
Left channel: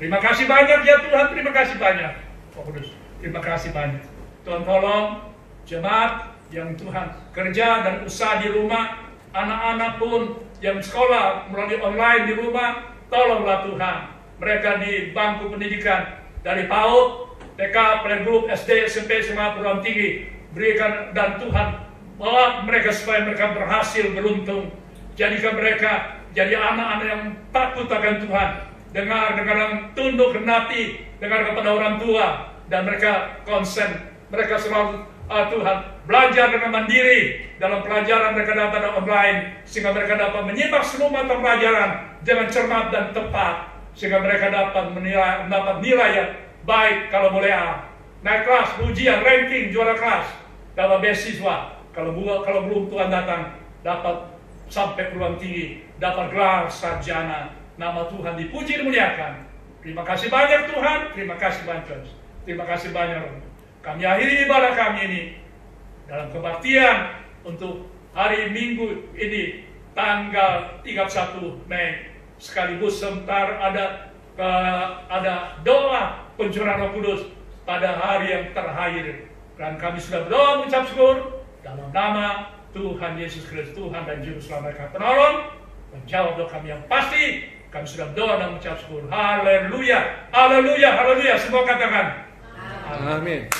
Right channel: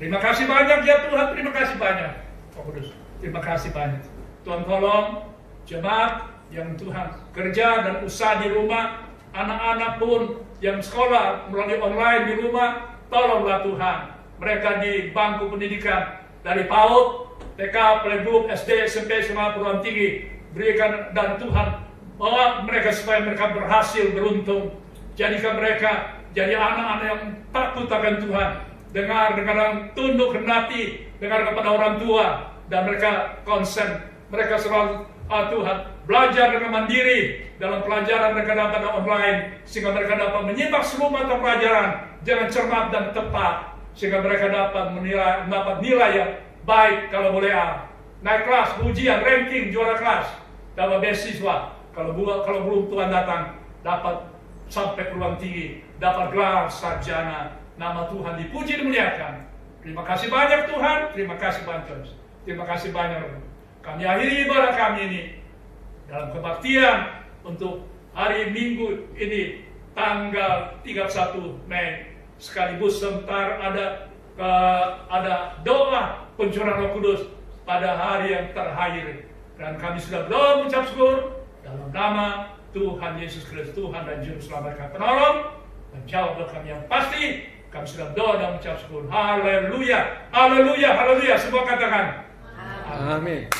Terima kasih banyak ya Tuhan, terima kasih banyak Roh Kudus. Terima kasih banyak. Tuhan tolong jemaat yang Tuhan kerja dan usaha di rumah, anak-anak pun yang sekolah melalui online di rumah, tolonglah Tuhan. Mereka di bangku pendidikan dari PAUD, TK, playgroup, SD, SMP, SMA, perguruan tinggi, berikan dan Tuhan bawa mereka supaya mereka berhasil beruntung. Jadikan mereka jadi anak-anak yang takut akan Tuhan, dengar tunduk renati, dengar kepada orang tua, dan mereka konsen, mereka selalu Tuhan belajar dengan mandiri dalam pelajaran mereka dapat online, sehingga mereka dapat menyimak seluruh mata pelajaran dengan cermat dan tepat, sehingga mereka dapat nilai yang baik kalau boleh naik kelas, ujian, ranking, juara kelas, dapat beasiswa, kalau belum Tuhan datang dapat sampai perguruan tinggi, dapat gelar sarjana. Nama Tuhan dipuji dan dimuliakan. Terima kasih banyak Tuhan, terima kasih banyak. Terima kasih banyak. Kami akhiri ibadah kami ini dalam kebaktian untuk hari Minggu ini tanggal 31 Mei. Sekaligus sebentar ada doa pencurahan Roh Kudus pada hari yang terakhir. Dan kami sudah berdoa mengucap syukur dalam nama Tuhan Yesus Kristus, Tuhan dan Juru Selamat kami penolong, dan jawab doa kami yang pasti. Kami sudah berdoa dan mengucap syukur. Haleluya, haleluya, haleluya. Semua katakan. Amin.